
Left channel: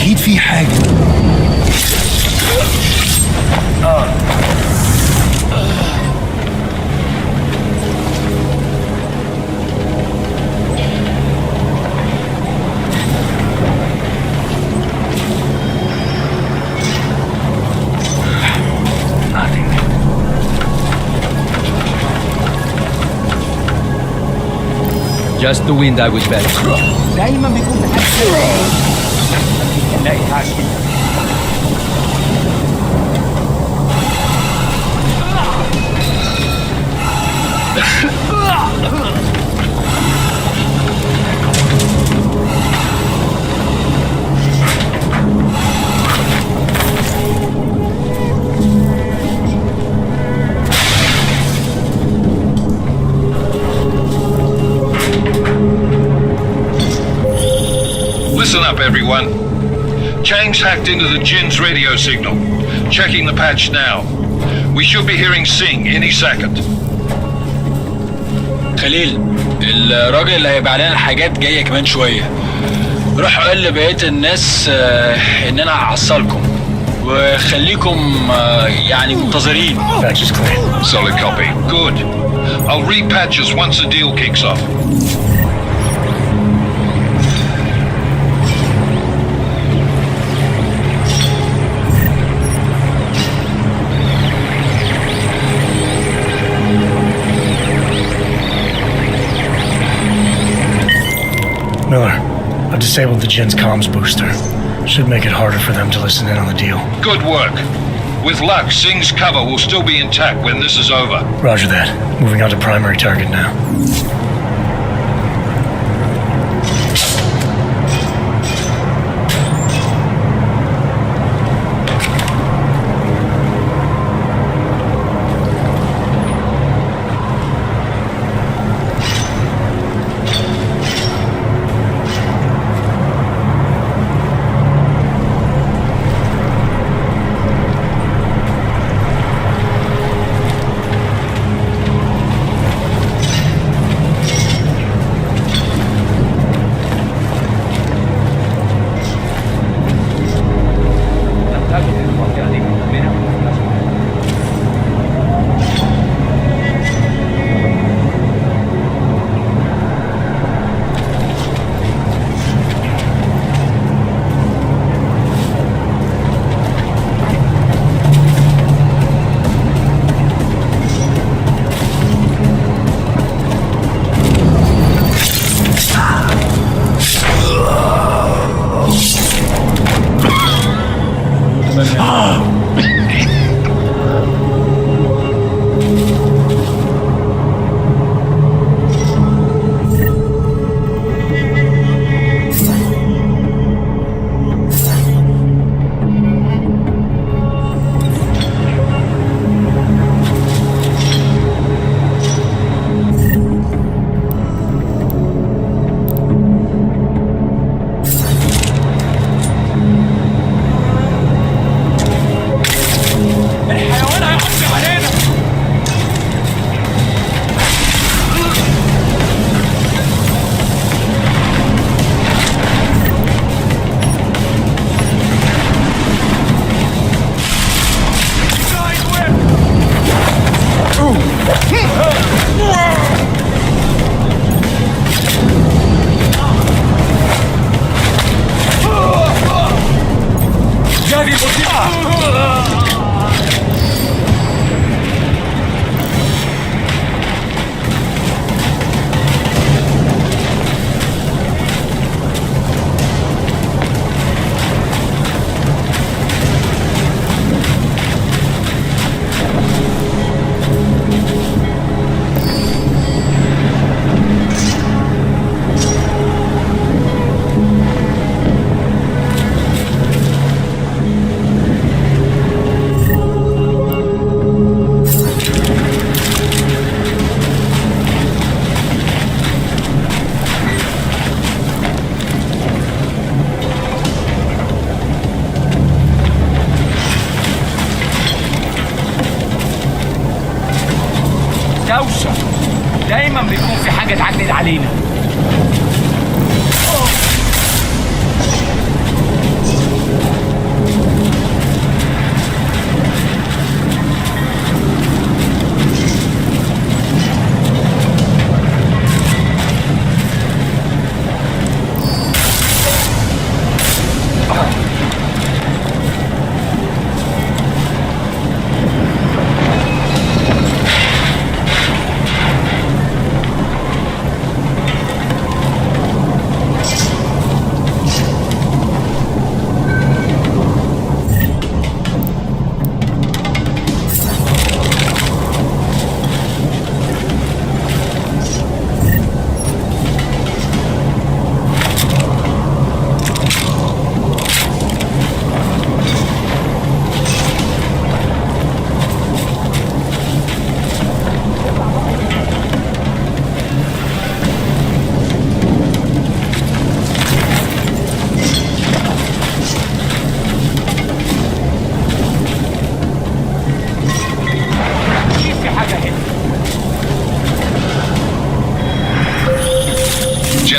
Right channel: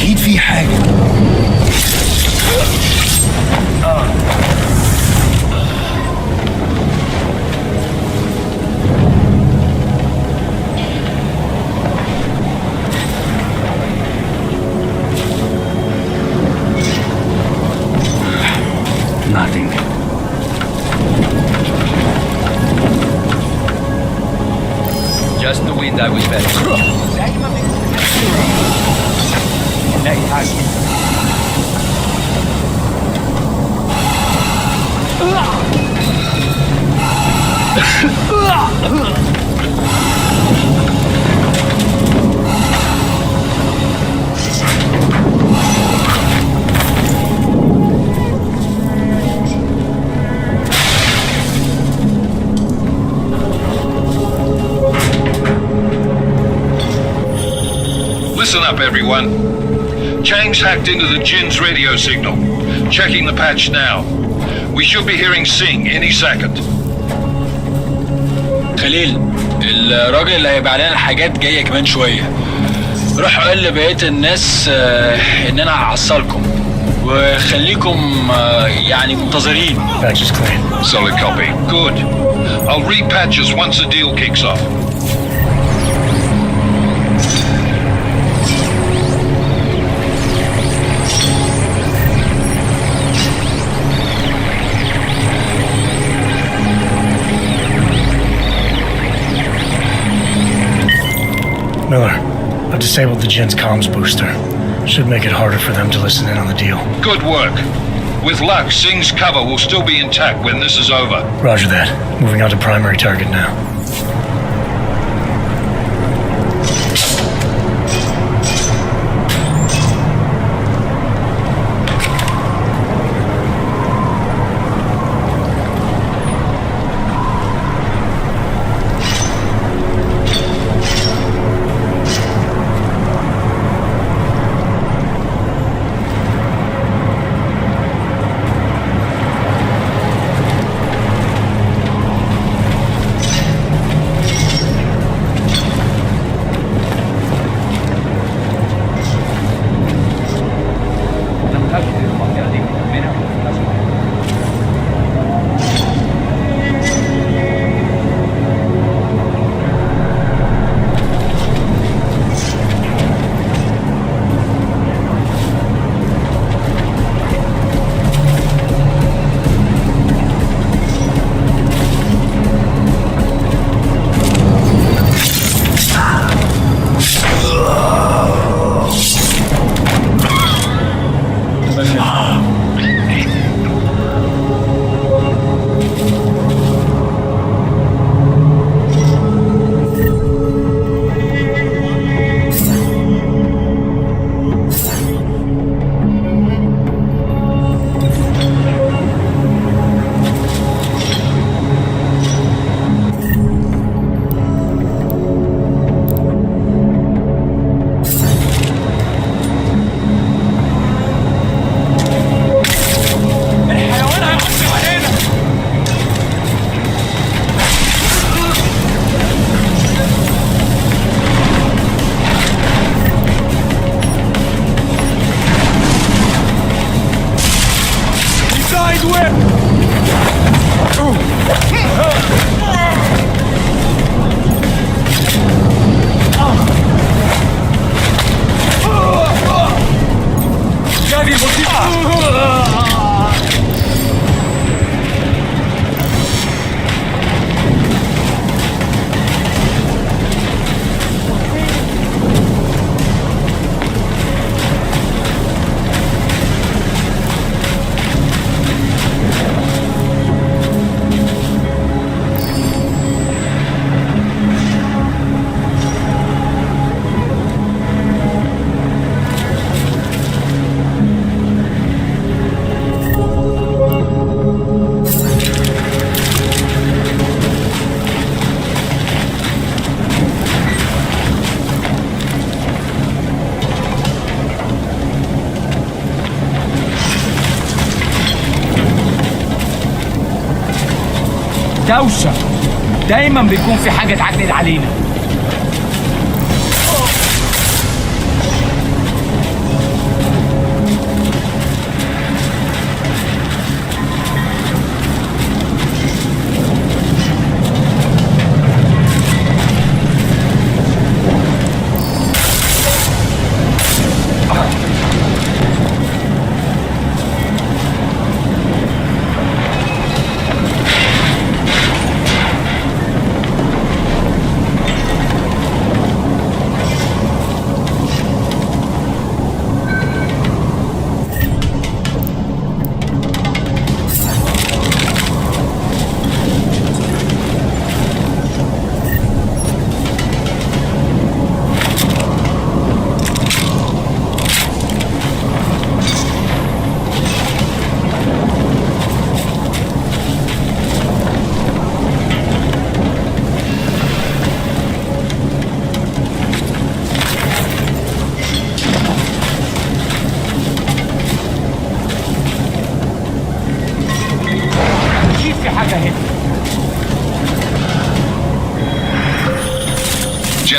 اكيد في حاجه. Nothing. Just the wind I was fed. دايما بيكون نلاقي حاجة. Listen up, everyone. Chang's hacked into the Jin's radio signal. Checking the patch now. We should be hearing Sing any second. خليل، الراجل اللي هيبقى علينا الحاجات جاية كمان شوية. روح قول لبقية الناس إن أنا هحصلكم وخليكم يعني منتظرين. Patch is clear. Solid copy. Good. I'll repatch us once the deal kicks off. Miller, I've disabled the Jin's comms booster. Should make it harder for them to listen in on the deal. Good work. With luck, Sing's cover will still be intact when this is over. Roger that. Moving on to primary target now. دوشة دايما بيكون في حاجة تعجل علينا.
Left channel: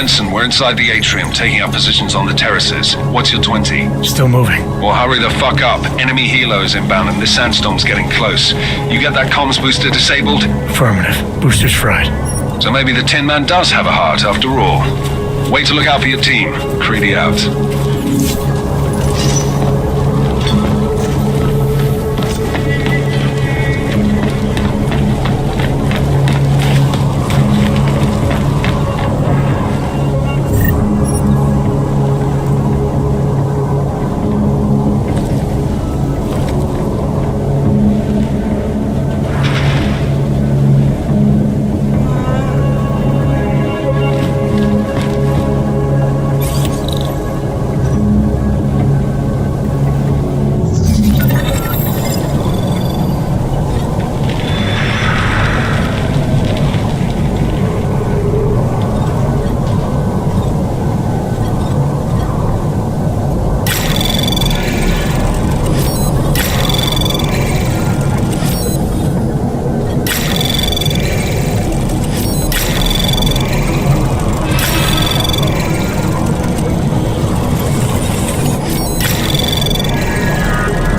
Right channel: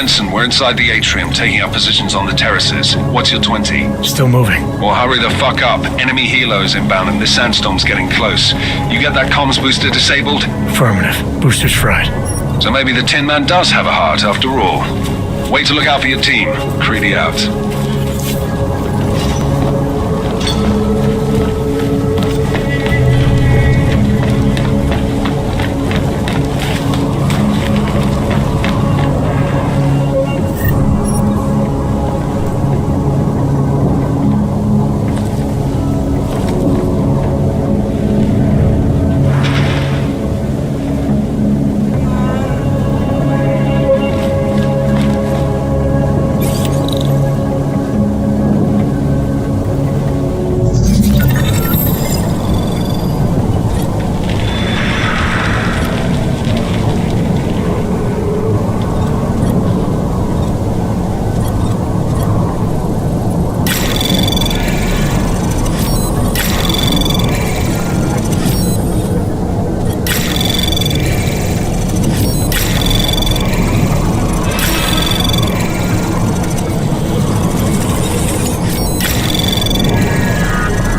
Jensen, we're inside the atrium, taking up positions on the terraces. What's your 20? Still moving. Well, hurry the fuck up. Enemy helo is inbound and this sandstorm's getting close. You get that comms booster disabled? Affirmative. Booster's fried. So maybe the Tin Man does have a heart after all. Wait to look out for your team. Creedy out.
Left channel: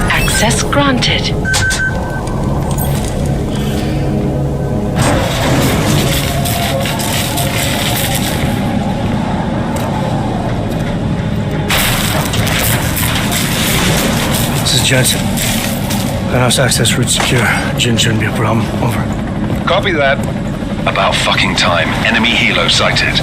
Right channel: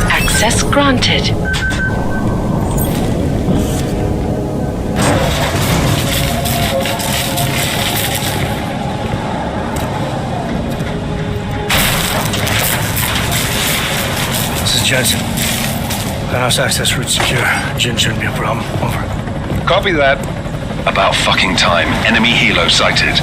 Access granted. This is Jensen. Penthouse access route secure. Jin shouldn't be a problem. Over. Copy that. About fucking time. Enemy helo sighted.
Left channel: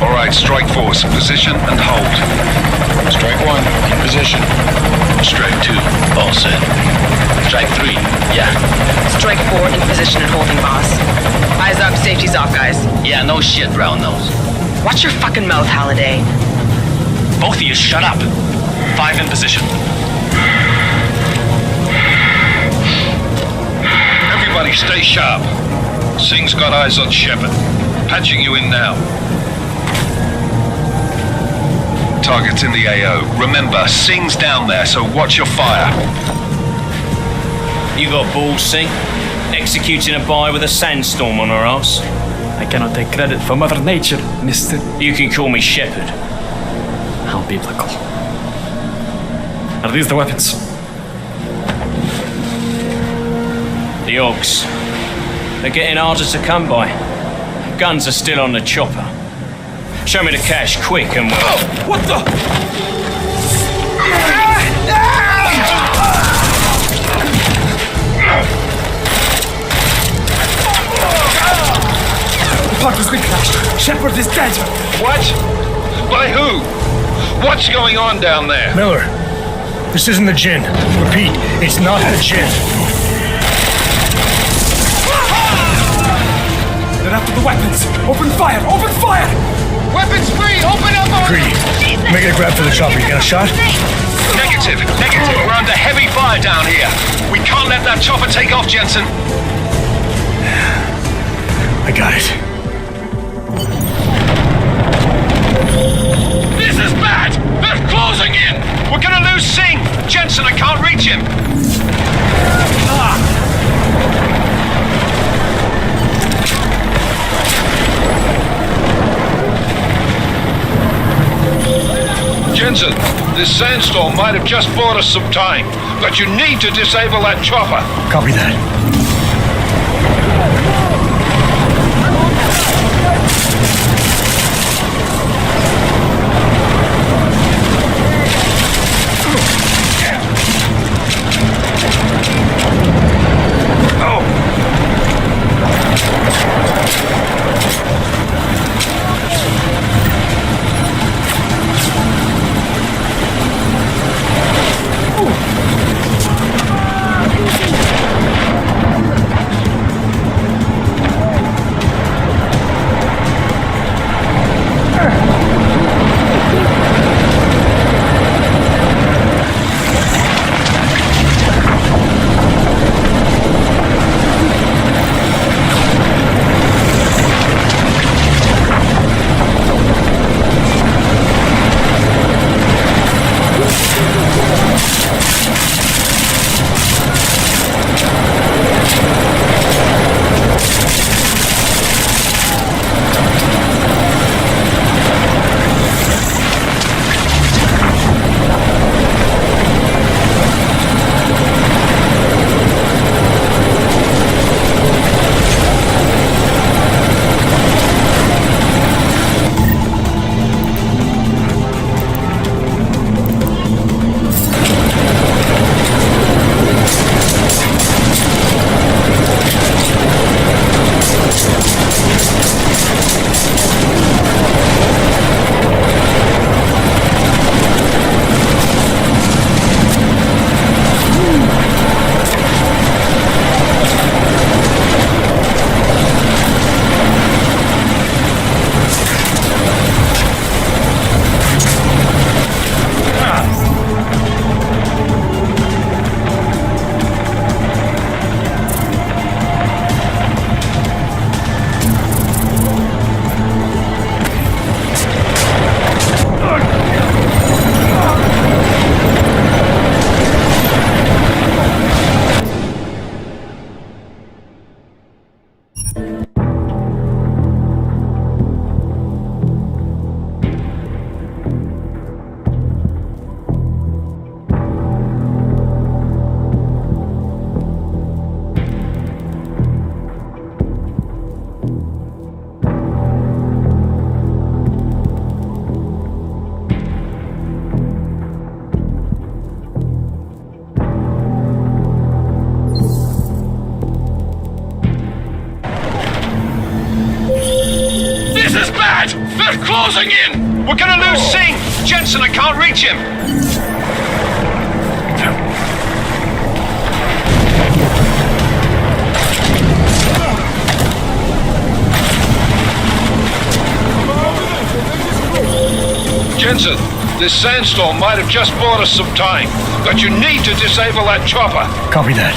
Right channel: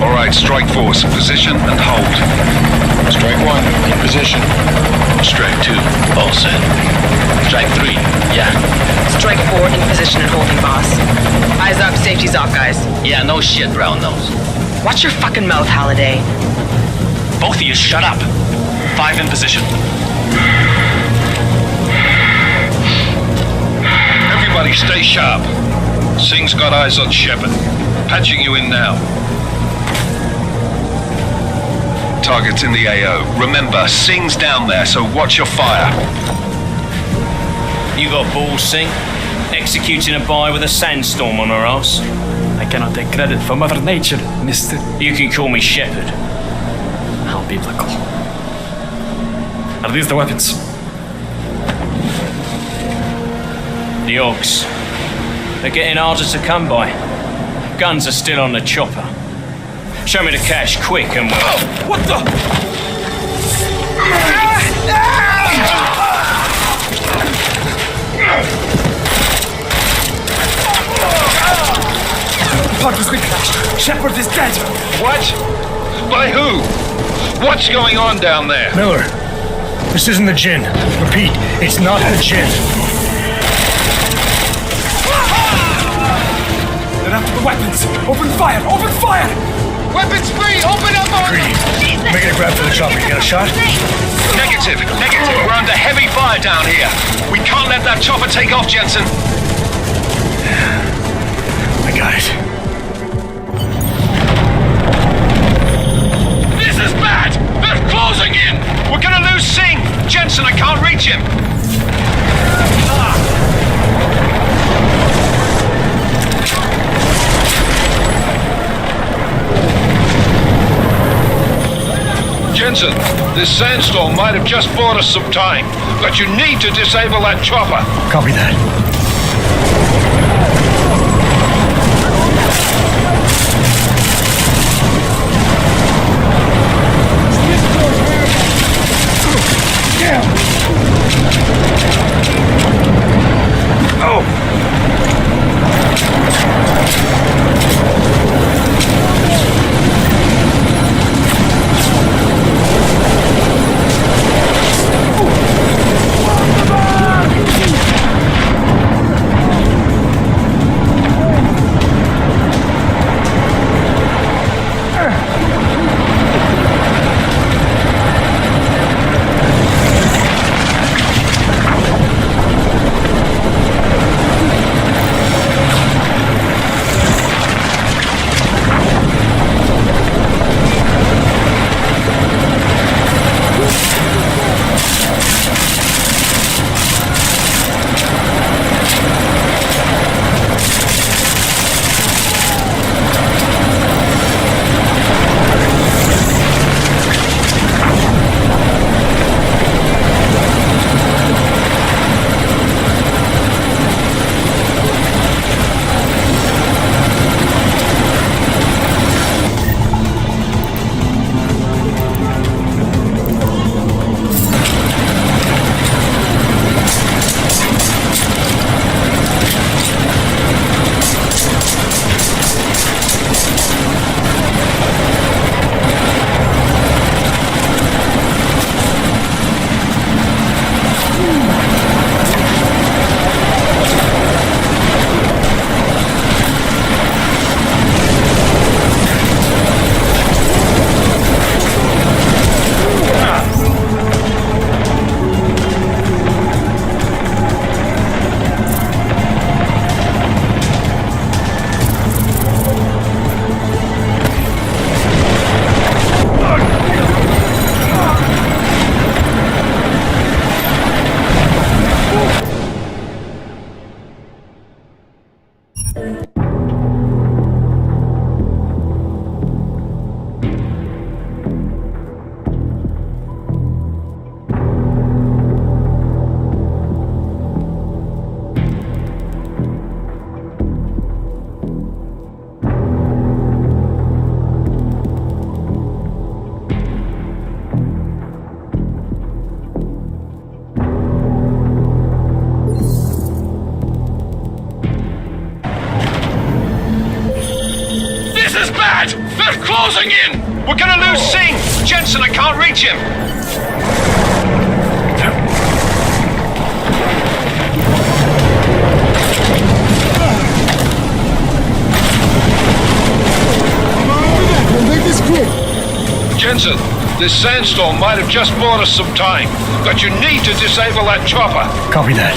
All right, strike force. Position and hold. Strike 1, in position. Strike 2, all set. Strike 3, yeah. Strike 4 in position and holding, boss. Eyes up, safety's off, guys. Yeah, no shit, brown nose. Watch your fucking mouth, Halliday. Both of you shut up. 5 in position. Everybody stay sharp. Singh's got eyes on Shepard. Patching you in now. Target's in the AO. Remember, Singh's down there, so watch your fire. You got balls, Singh? Executing a buy with a sandstorm on her ass? I cannot take credit for Mother Nature, mister. You can call me Shepard. How biblical. Are these the weapons? The Ogs. They're getting harder to come by. Guns are still on the chopper. Show me the cash, quick, and we'll... Oh, what the? The pod has been crashed. Shepard is dead. What? By who? What's going on down there? Miller, this isn't the Jinn. Repeat, it's not the Jinn. They're after the weapons. Open fire! Open fire! Weapons free! Open up on... Greedy, make it a grab for the chopper. You got a shot? Negative. We're under heavy fire down here. We can't let that chopper take off, Jensen. I got it. This is bad! They're closing in! We're gonna lose Singh! Jensen, I can't reach him! Jensen, this sandstorm might have just bought us some time, but you need to disable that chopper. Copy that. They're closing in! We're gonna lose Singh! Jensen, I can't reach him! Jensen, this sandstorm might have just bought us some time, but you need to disable that chopper. Copy that.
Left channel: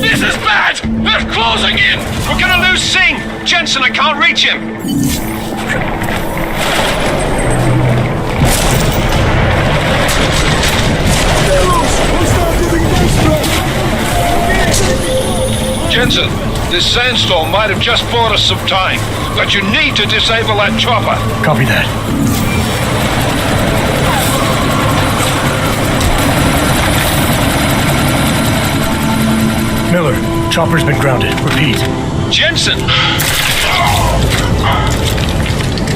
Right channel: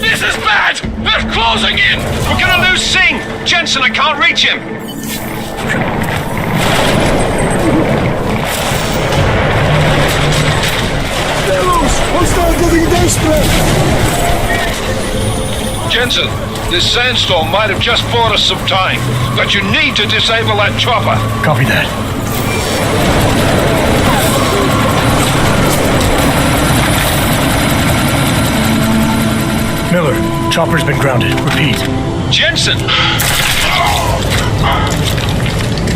This is bad! They're closing in! We're gonna lose Singh! Jensen, I can't reach him! Jensen, this sandstorm might have just bought us some time, but you need to disable that chopper. Copy that. Miller, chopper's been grounded. Repeat. Jensen!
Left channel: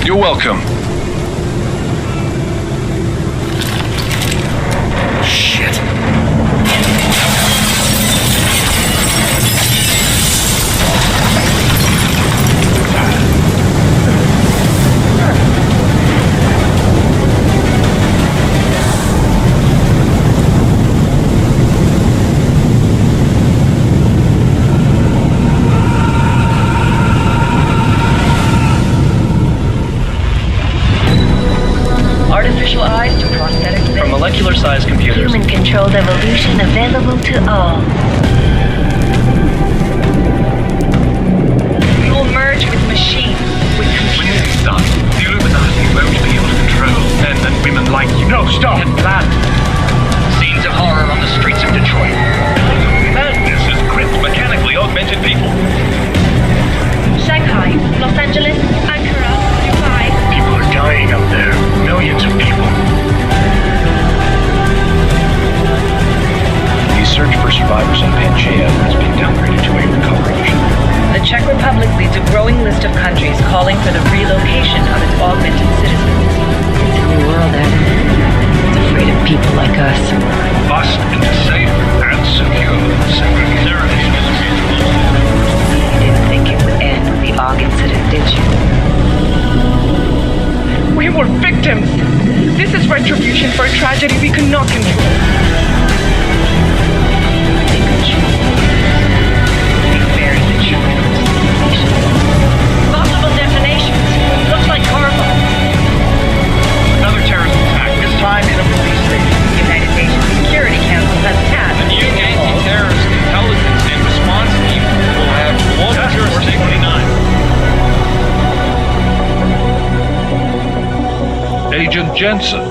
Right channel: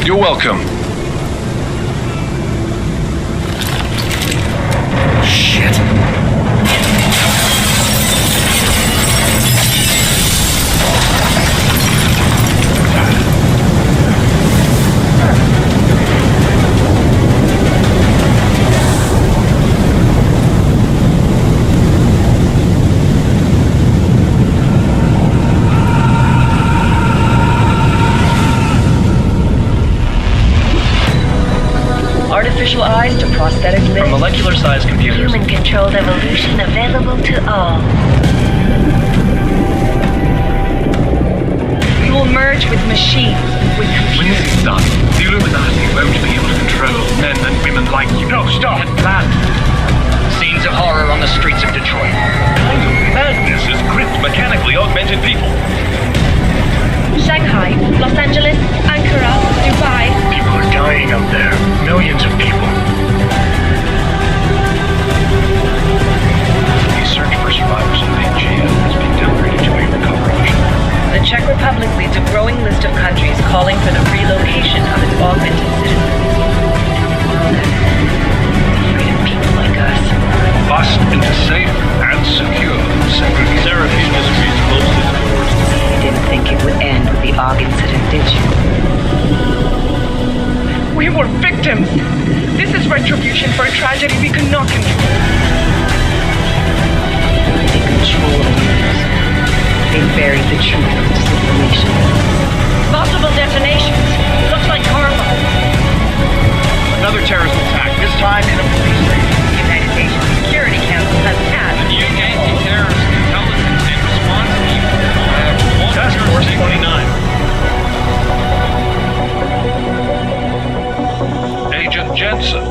You're welcome. Shit. Artificial eyes to prosthetic limbs. From molecular-sized computers. Human-controlled evolution available to all. We will merge with machines, with When this computers. is done, the Illuminati won't be able to control men and women like you. No, stop! And plan. Scenes of horror on the streets of Detroit. Kind of madness has gripped mechanically augmented people. Shanghai, Los Angeles, Ankara, Dubai. People are dying up there. Millions of people. The search for survivors in Pangaea has been downgraded to a recovery mission. The Czech Republic leads a growing list of countries calling for the relocation of its augmented citizens. It's a new world, Ed. It's afraid of people like us. Bust into safe and secure segregation industries closely towards the You didn't think it would end with the AUG incident, did you? We were victims. This is retribution for a tragedy we could not control. They control the news. They buried the truth with disinformation. Multiple detonations. Looks like hormones. Another terrorist attack, this time in a police station. The United Nations Security Council has tasked The new anti-terrorist intelligence and response team will have one jurisdiction. 29. Agent Jensen,